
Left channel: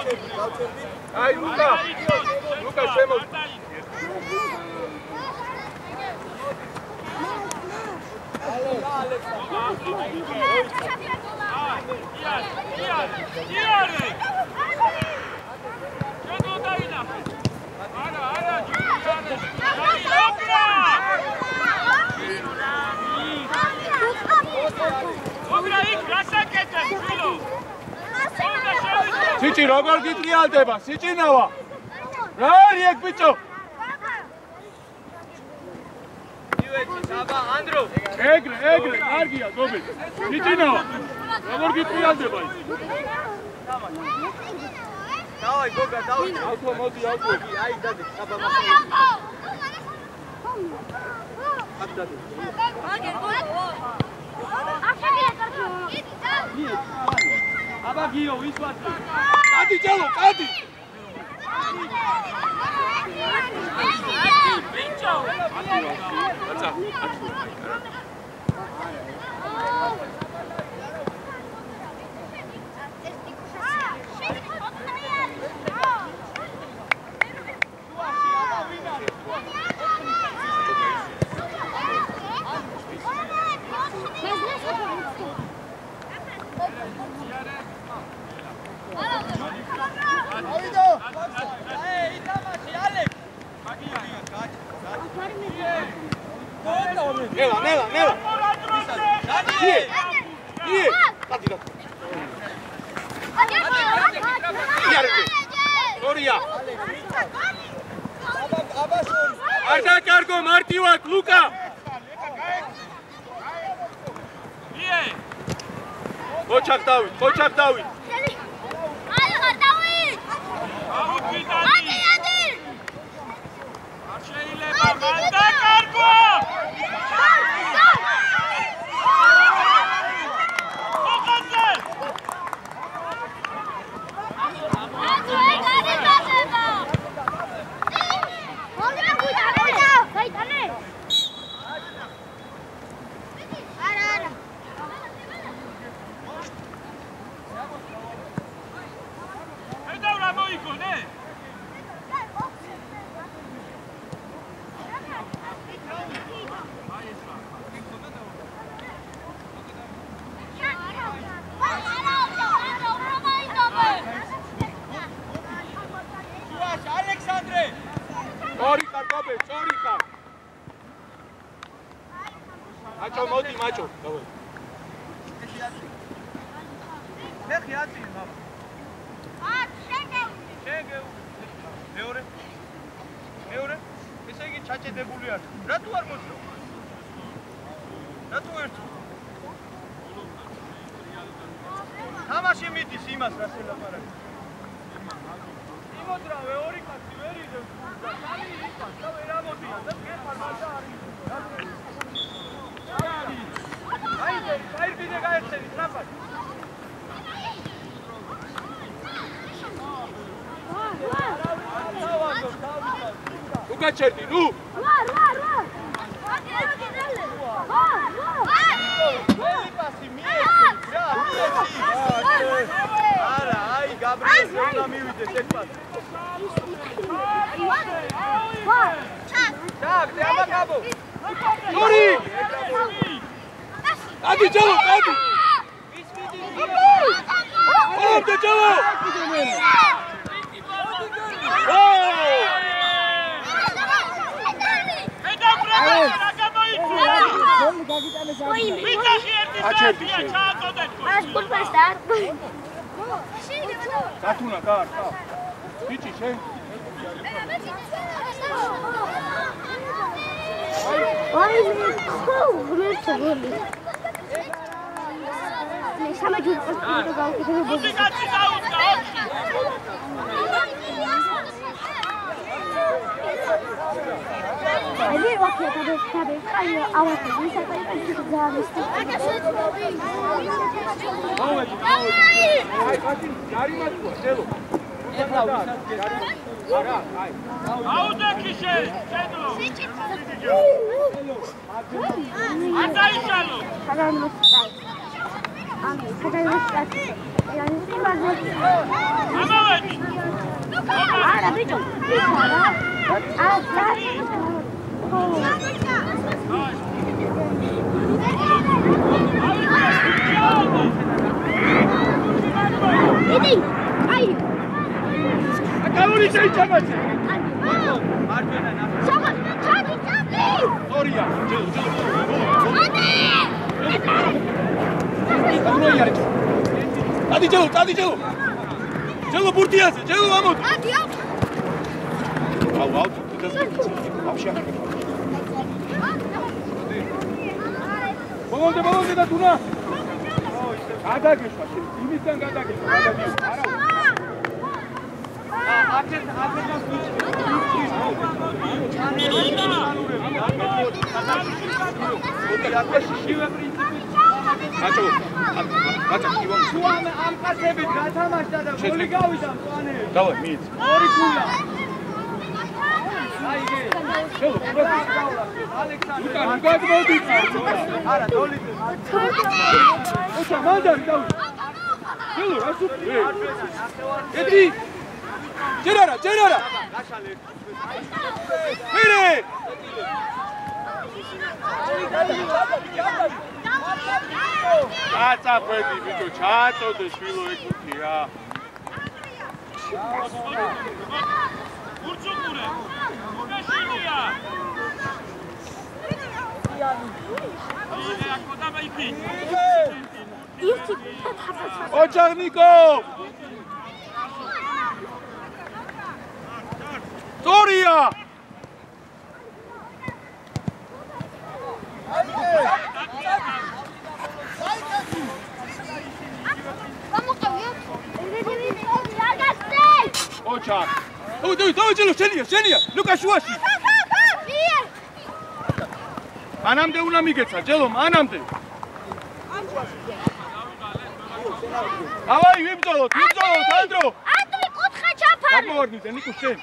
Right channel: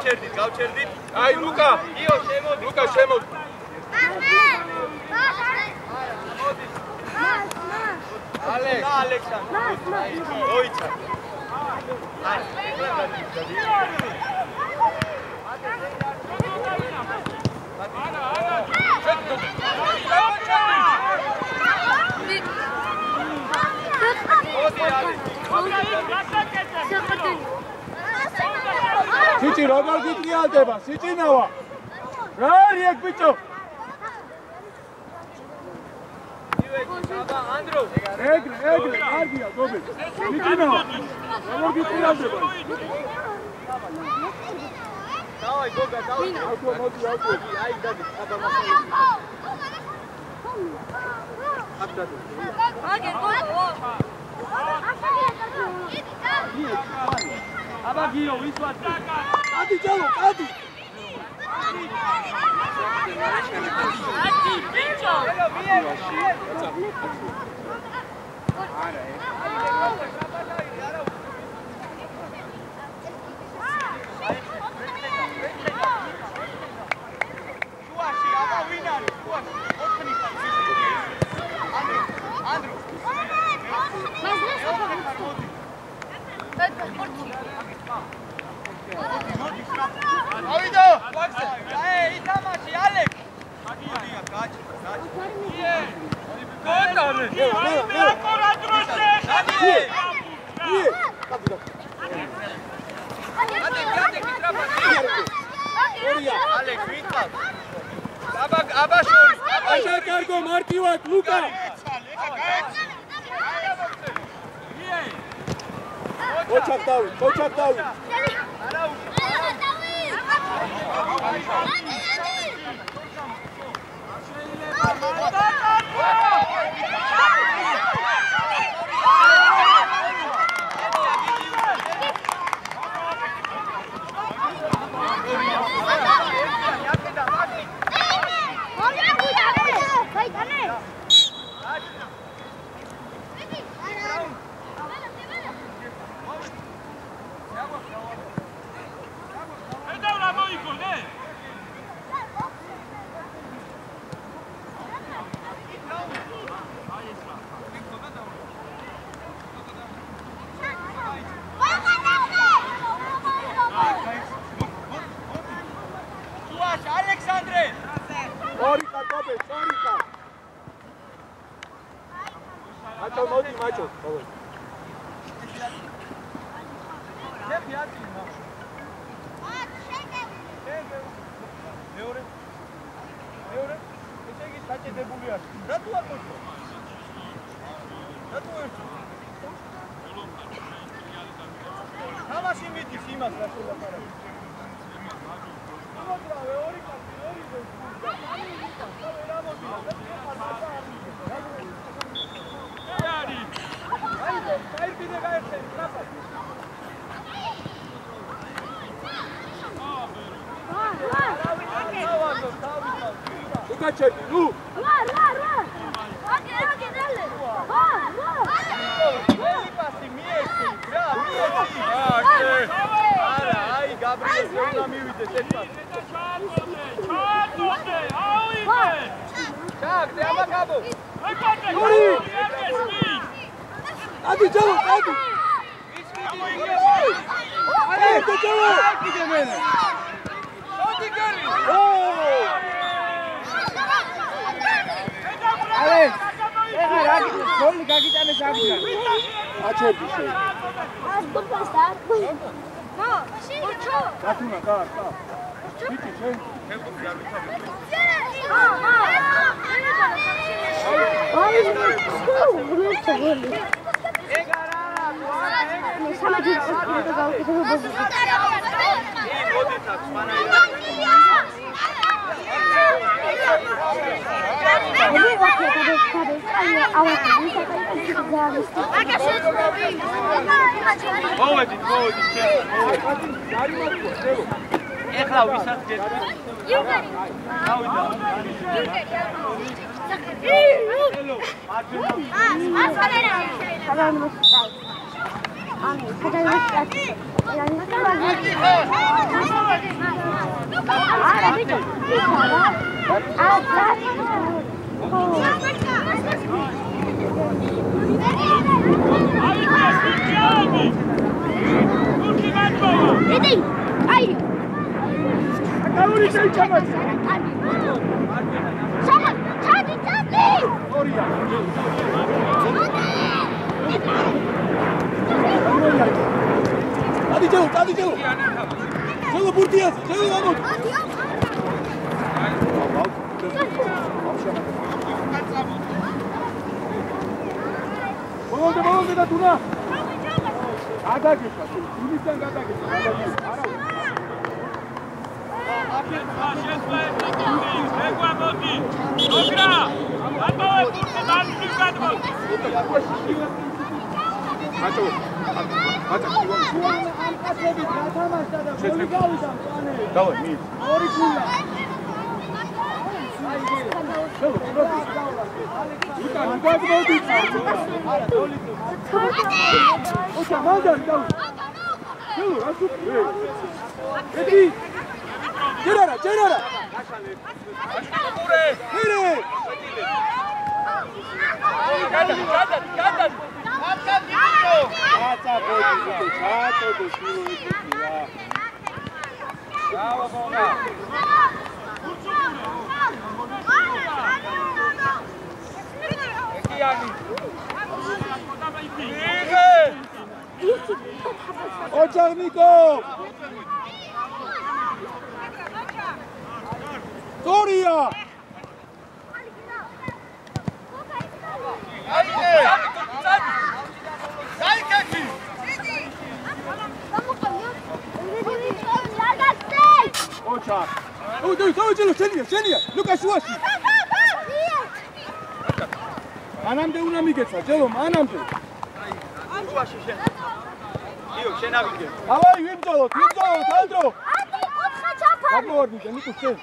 გავჩერდით. აი ლუკა. ლუკა შემოდი. ალექსანდრე. ოიცა. სიჭი როგორ გიტრიალდება? სიჭინავა. რა არის ეგ ბიჭო? ანდრო. ეგრე, კარგია, გობი. სიჭინავა. როგორ გიტრიალდება? დავაი გოგა, დავაი. მოდი. აი დადი, აბა მასა. აბდადი. აბა გიო ვისვათ. კადი ჯალო, კადი. აკი ბიჭო. ავიდო. აი, ითამაში ალექ. აგია, გაჩი. აშა კარგო მარტივად ლუკა. ოჩაკ დავით. ალექსანდრე. ტორიკა გობე, ტორიკა. აჭო მოდი, მაჭო. დავай. ხეხი აწინ მამა. შეგე. მეორე. ესე იგი ჩაჭედებული არ. რატო არ მოწო? რატო ერთო? თამაში მიდის იმას რა შელაპარაკე. იმოდრავე ორი კაცი ვერ იდევს. და ვერ ამოდი. და გეხარ მაგა არ იდევ. აი ბიდე გაერთები ტრაპად. ლუკა ჩერდი, ნუ. ელიპასი მიეცი, რა, მიეცი. არა, აი გაბრიელს უნდა მივიდეს ერთად. ჩაგდე, აბა გაბო. ორი. ადი ჯალო, ადი. ისკიდი მიიღო. ადი ჯალო. კიდე მერე. მოდი გერი. გოლი გაგიტანეს აგია. აჩერდი შე. ეს გულფესტა. გათუნა, კა. ბიჭი შე. აი, გულფესტა გოლი. მე სამაჯი პოსტი გავუკეთებ ბოზი. მე ვაკეთებ აი ავაკეთებ ისე ძალიან მოვედი. აი, კაცი, არი მათქვა, დელო. ეხლა ვისაც გეტყვი. აი. აუდექი შე. საგანმოსტაი. Ani, გადაიწყეთ. არა, ბიჭო. Иди, ай. Акаური შეიჩამაჩი. Сама, ჩადი. ორია. Adi Jelo. Jelo burtiasi, Jelo amot. Al. Balonde da Tuna. Გადაგეშვა, იმისგან გადაგეშვა, გადაგიო. არა. Macho, am qasebit gatamashda da goli gavida mfane. Davay, mit. Ori kula. Ai ge. Chelo, Luka, modi. Ara, goli. Ocha, mandar, dav. Chelo, rasu. Edri. Gerara. Mire. Ața băi, zice, ce-ați-o de șilul e cutia. Očarnikov! Zorija! Očar! Ovo Jelo, šenija! Luka šuaši! Manamde una migeca, Jelo, manamde! Avai, vimzolot, Andro! Andri, kutkha chapari! Გამოარდნით, ნიკო, შენ!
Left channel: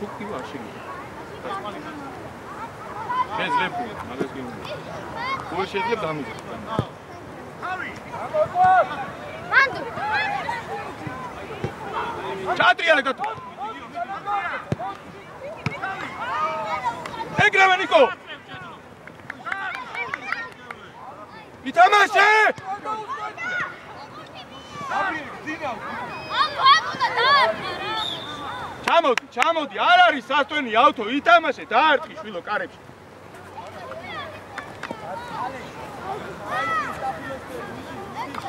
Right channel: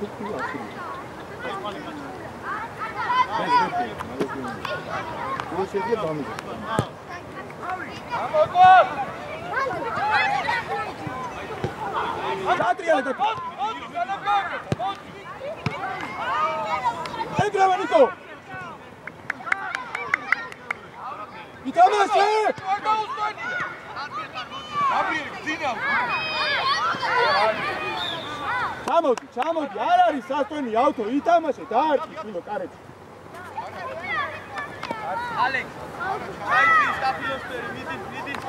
Kukti vaši. Bez repu, malezio. Ovo šedlje damide. Čatri, ali gotovo! Egrave, Niko! I tamaše! Čamodi, არ არის სასტვენი ავტო, ითამაშე, დაარტყი შვილო კარებში. ალექს, აიძი სტაფილოსფერი, მიდის.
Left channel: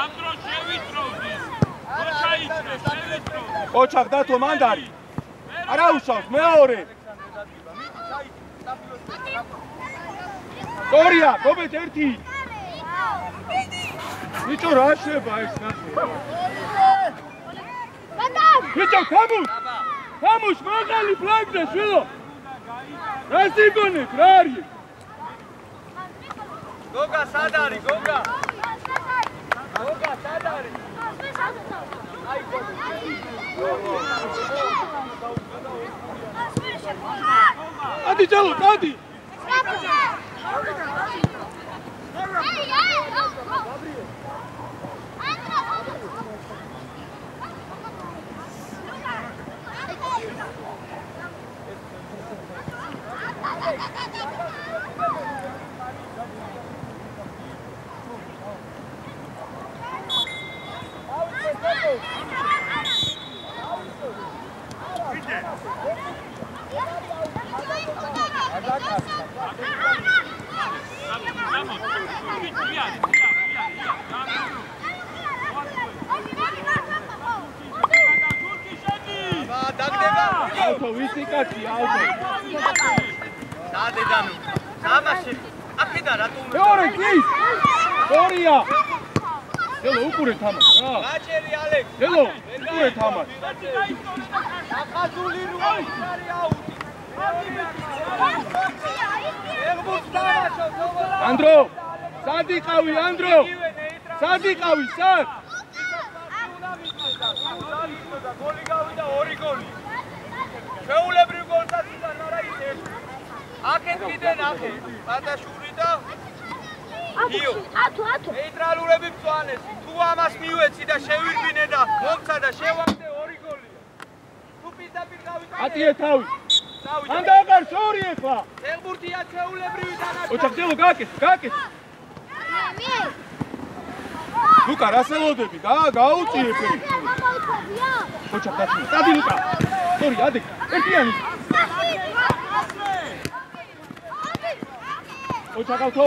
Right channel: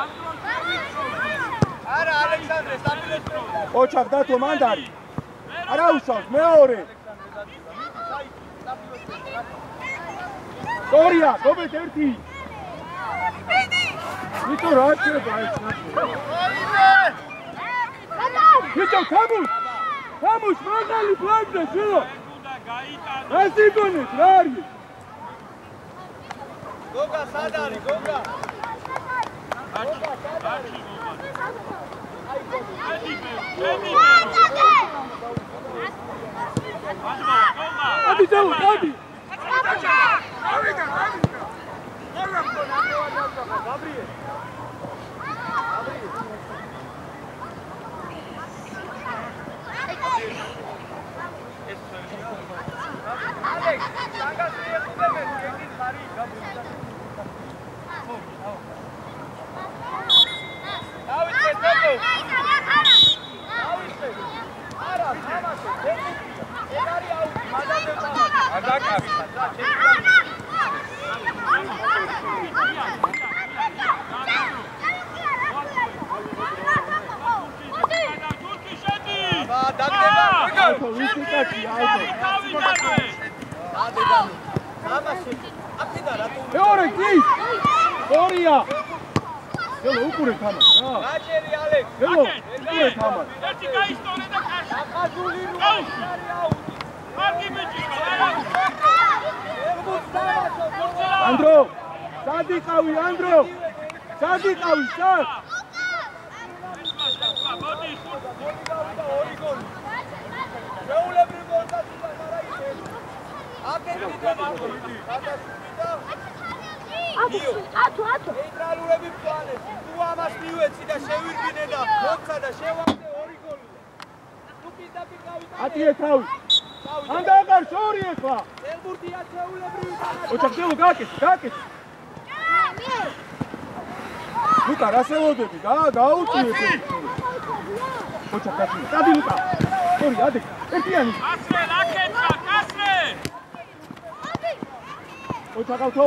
ანდრო შევიწროვდი. არა, ალექსანდრე, სტაფილოსფერი. ოჩახ დათო მანდარი. არა უშავს, მეორე. ორია, გობეთ ერთი. ნიჭო რა შეება ეს ნახო. Bicho, vamos, mandali flagda, švilo! Rastigonet, rari! Goga sadari, Goga! Sadari! Adi, Jelo, adi! მეორე გის! ორია! Jelo, უკურე თამაშ რა! გაჭერი ალექს! Jelo, უკურე თამაშ! ერთი გაისტორე და ახაზული რუა არის აუტი! კარგი მეჭირა! ანდრო! სად იყავი, ანდრო? სად იყავი, სად? გოლი გავიდა, ორი გოლი! შეულებრივ გოლსაც იტანა რა ისე! აკეთ კიდე ნახო. ხანდაშური და ათო. ნეიტრალურები მწვანეს. თუ ამას მიუეცი და შევირბინე და მომცა და შევამდე 2 გოლი. თუ პირდაპირ გავიტანე. ატიე თავი. ან დაყარ შორი ეხლა. ელბურთია ჩეულებრივი დანაშაული. ოჩახდელო გააკეთე. ლუკა რასელოდები გაუწიე ეს. ოჩახდელო. დადი ლუკა. ორი ადე. ერთიანი. ოჩახავთო.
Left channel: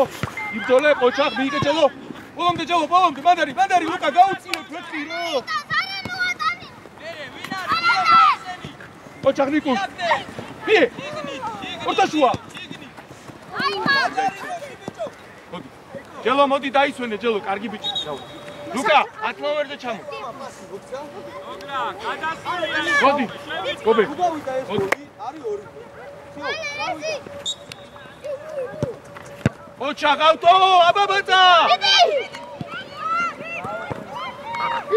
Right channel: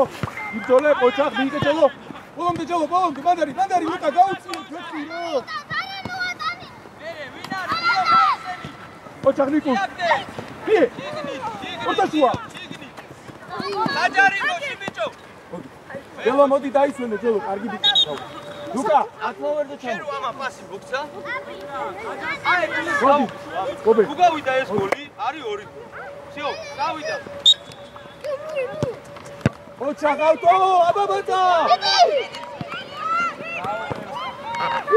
იბძოლე ოჩახ მიიკეჭელო. ბოლომდე ჯელო. ბანდარი ლუკა გაუწიე ფექირო. ოჩახ ნიკუ. ფი. ოტაშუა. აჯარი მოდი ბიჭო. ჯელო მოდი დაისვენე ჯელო კარგი ბიჭი. ლუკა 10 მომერზე ჩამო. პასი გოგცა. მოდი. გობე. თუ გავიდა ეს გოლი, არის 2 გოლი. всё, გავიდა. ოჩახავთო, აბაბაცა.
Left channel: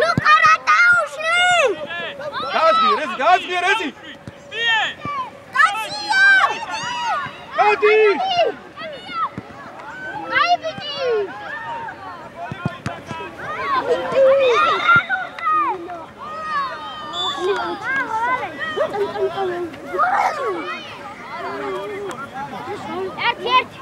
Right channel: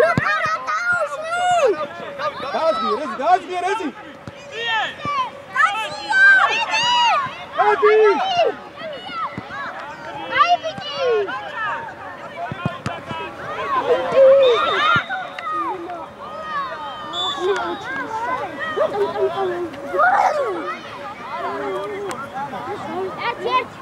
ლუკა რატაუში. გააზგიერეზი. მოდი. აი ბიჭი. ერთ.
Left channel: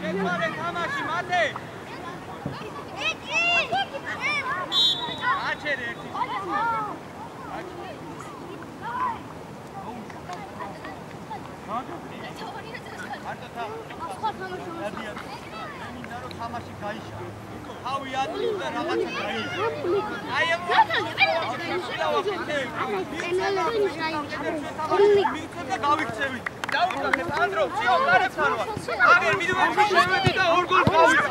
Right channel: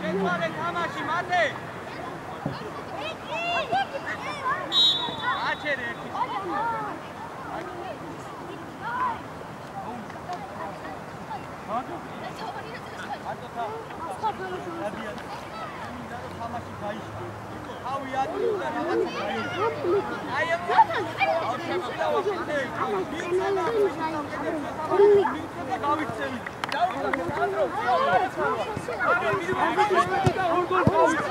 ჩეთვალე თამაში მათე. აჩერე ერთი. თამაში გაიშკე. თავი ატყდა რაღაცა გაიშკე. აი ამ გავიქცევი. დავუხსნეთ ანდრო, ციხო გარეთმანვა. აგერ მიდივები და 2 გოლს გავიცე.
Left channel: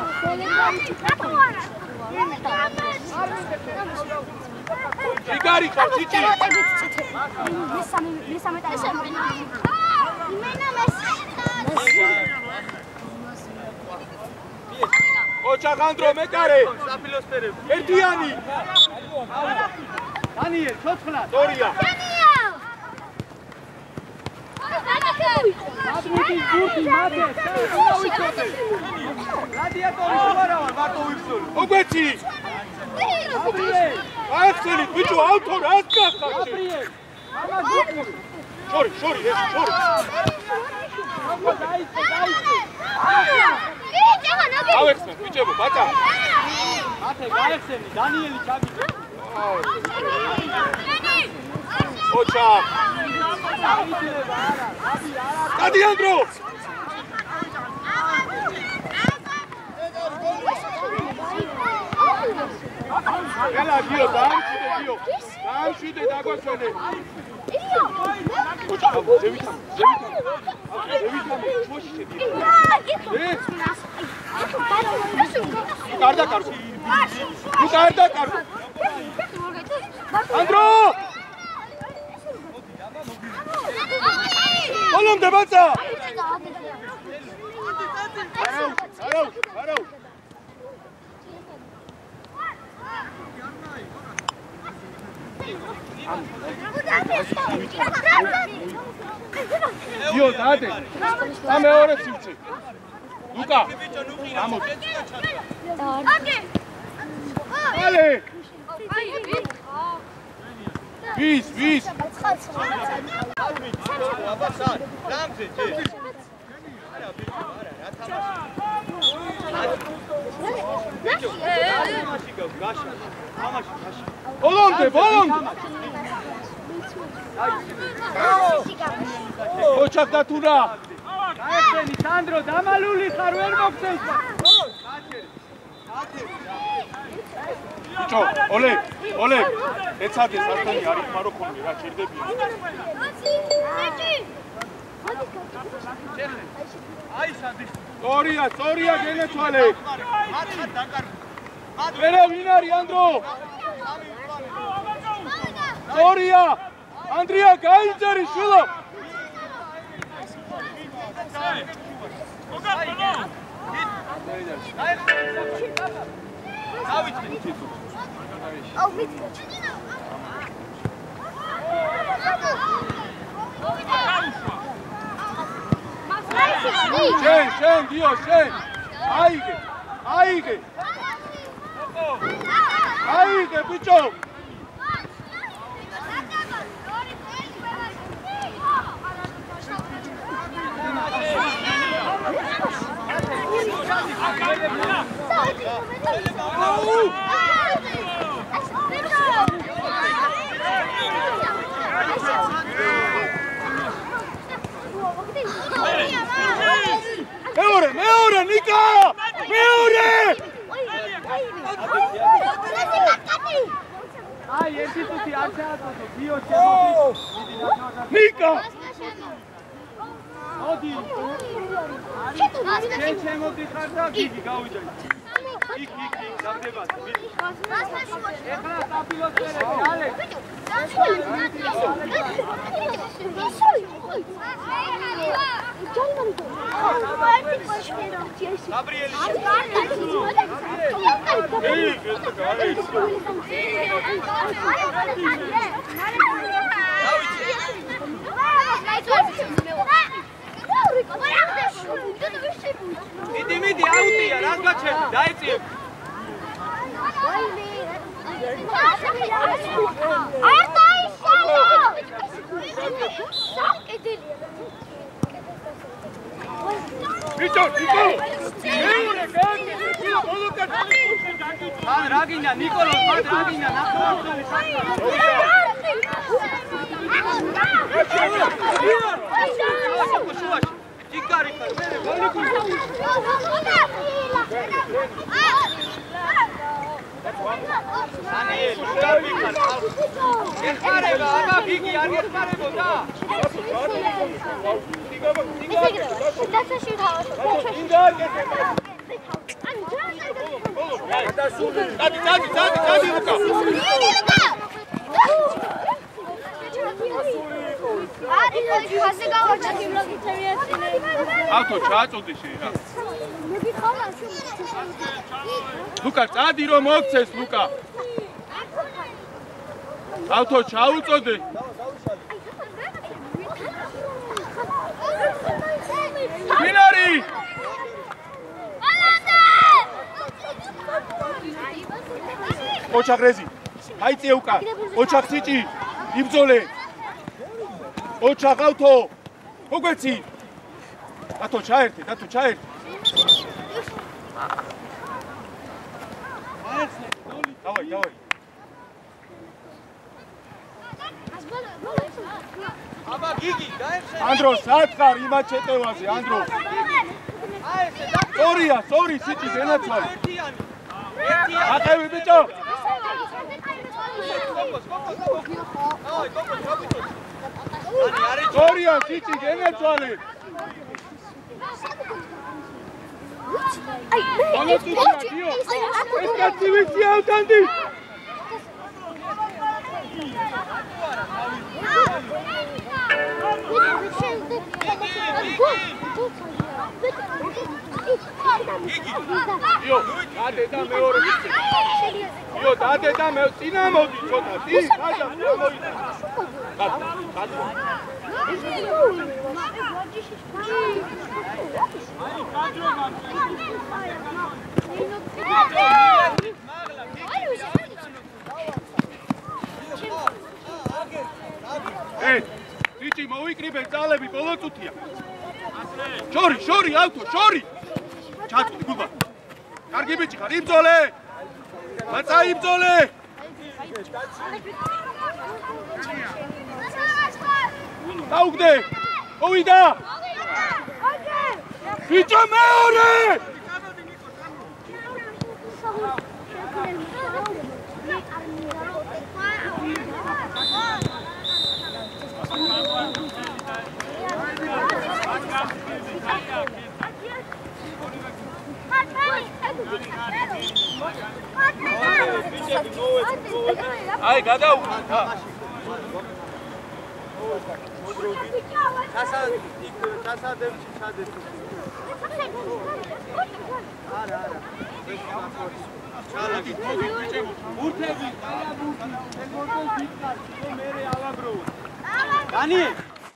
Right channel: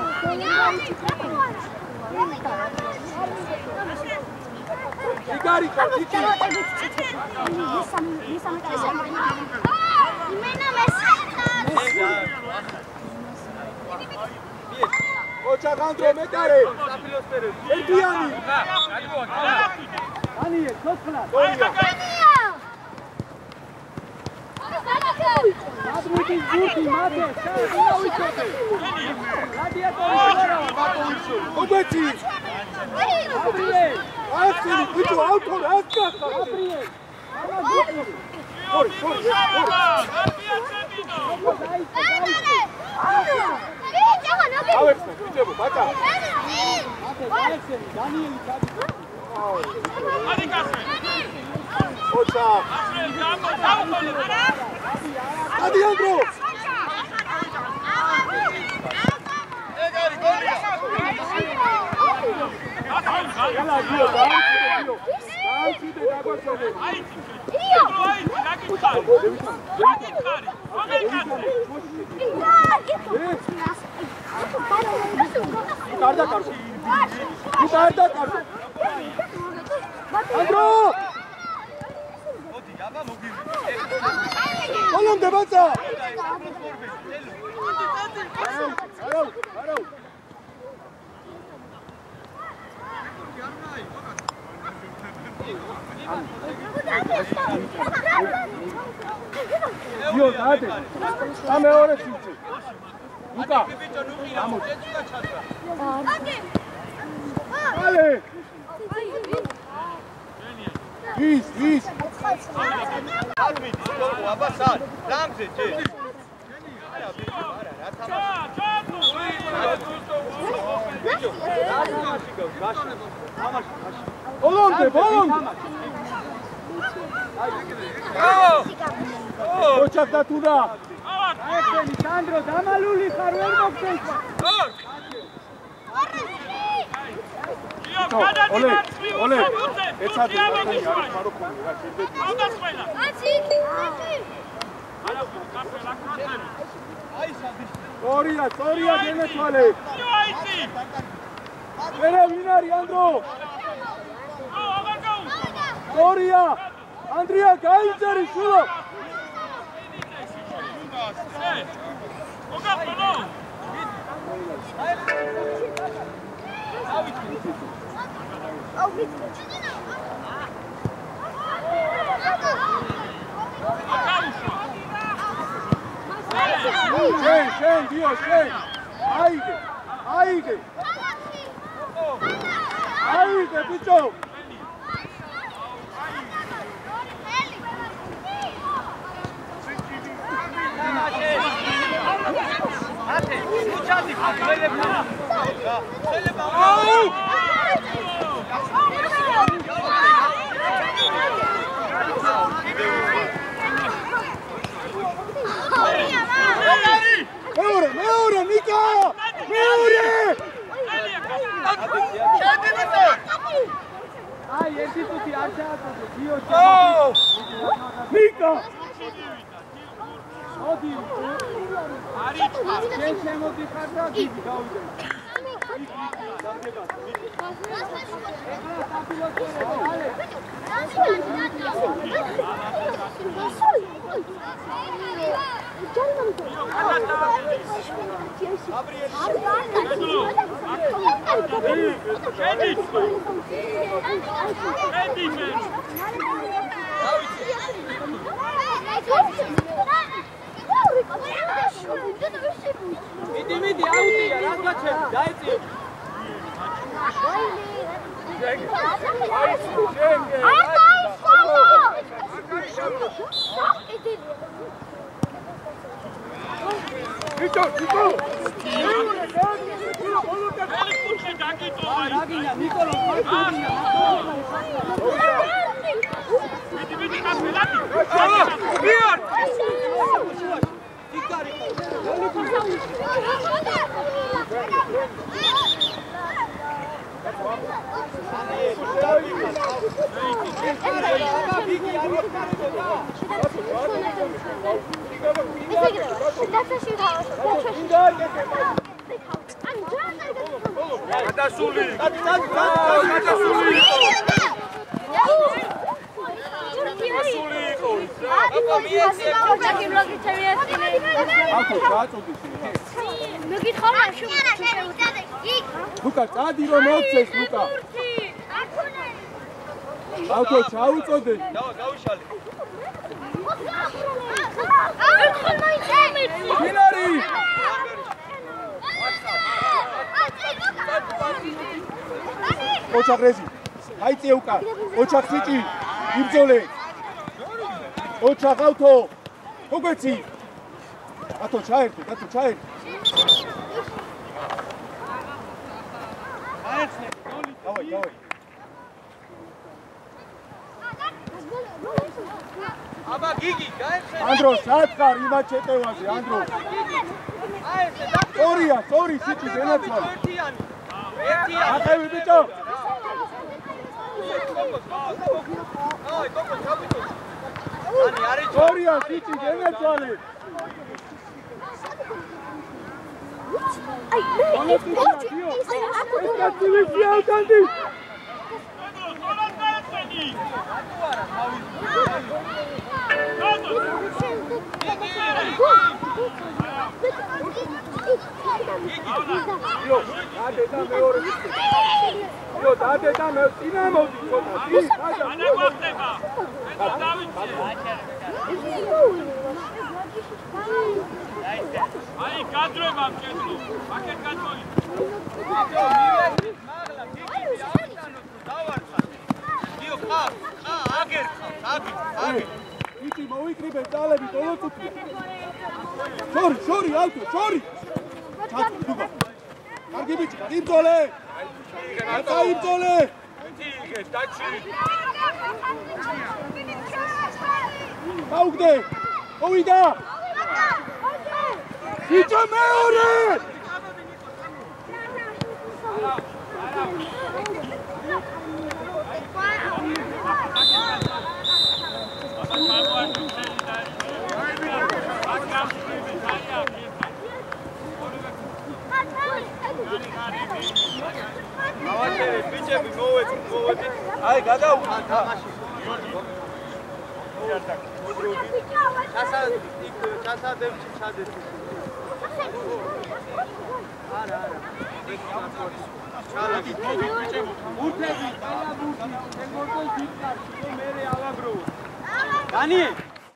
იგარი ხარჩიჭი. ოჩახ ანდრო მეტარე. საფილოსფერები. ერთიანი. ანიე, ცოცხლა. ორია. აბუდი ზურთი მათე, დავიცოდე. რადიატორი ვარავა, ვაკოვიცოდი. ობეცი. აბრიე. ასწილი ბიჭო, ავთორ ასკახა. აბრიე. შორი. ავექსმენ ბიჭებო, ბატა. მათე, გაიხსენი, დანიელი ჩაბი. ოჩახ. დადი ანდრო. Gala gio, damchide dagochone. Garda karu. Andro! Oğlum de batsa. Aro. Dio, date. Dame ore sivci. Luka. Vamos. Ale. Vis. აბასან, რამზე ჯე. არა, ბიჭო, რა თამაში. ბიჭო, თამაში გავგაშა. თამაში. ბოლომდე. ოჩახ დათუნა. გაიხსენი, სანდრო, დამალული ხარ, ვერ მოგწევს. ბიჭო, ოლე. ეცადე სათანი არის მაროქონი რა, ჭირდება. აი სადი. სწორია გენეთვალე. ვერა ვინ არის ანდრო? სწორია. ანდრია გაიძარი შულო. შენ დიო შენ აიგე ბიჭო მეორე ნიკა აი ერთი თუთი არ ჩააწოდე გიო ნიკა მოდი არის შენ შემოდიხარ და გიგი გავიდე იქ დავდებათ ეხლა საპიროსერები ალე გაბრიელი მიდი აუტია რა გაჩერდი დაეწიებ ბიჭო რაგინა ნიკოლოზ მარკინია ლუკა წადი რომ მოგცეს ლუკა ავთო ჩაუწოდე მინარი ოჩაღრეზი აიწე უკან ოჩაღ სიჭი იბძოლე ოჩაღ ავთო მოგვეცი ათო ჩაერთე დავით აბა გიგი გაიხსენე ანდრო სათხარ იმათ შეტევაზე ანდრო აი ესე სწორია სწორი სიჭი დენაცვალე ერთიანი აყევი ბიჭო აი გოგო ჩაბიტო ანი არის სწორია სიჭი დენაცვალე აი ეს კაცი ვიცი ავტანდი იო, დადე და მეორე. იო, დადე და მე წინა მოდი ცოტა. წინ, გადა. აი, კადრობა მჭირდი. მაგერ კადროი. მაგლა, გიგი, დავიტანო, დავარცხა. იო, აგერ. ვიჭი მოვიკრიბე ძალები ბოლო წუთია. შორი, ავტო, შორი. ჩაწვი გუბა. კარგი ბიჭი ხარ, იბძოლე. რაცა იბძოლე. აუგდე. მოვიდა. ბიჭო მეორე. აი გადაუხა თამაში ჩასადებში ჩადეთ არა ჩალაკი მოდი ბიჭებო ბურთები, ყველა ბურთი, ეგ მოდელ დიდ კარში, რომ მე ავაგროვოთ. დანი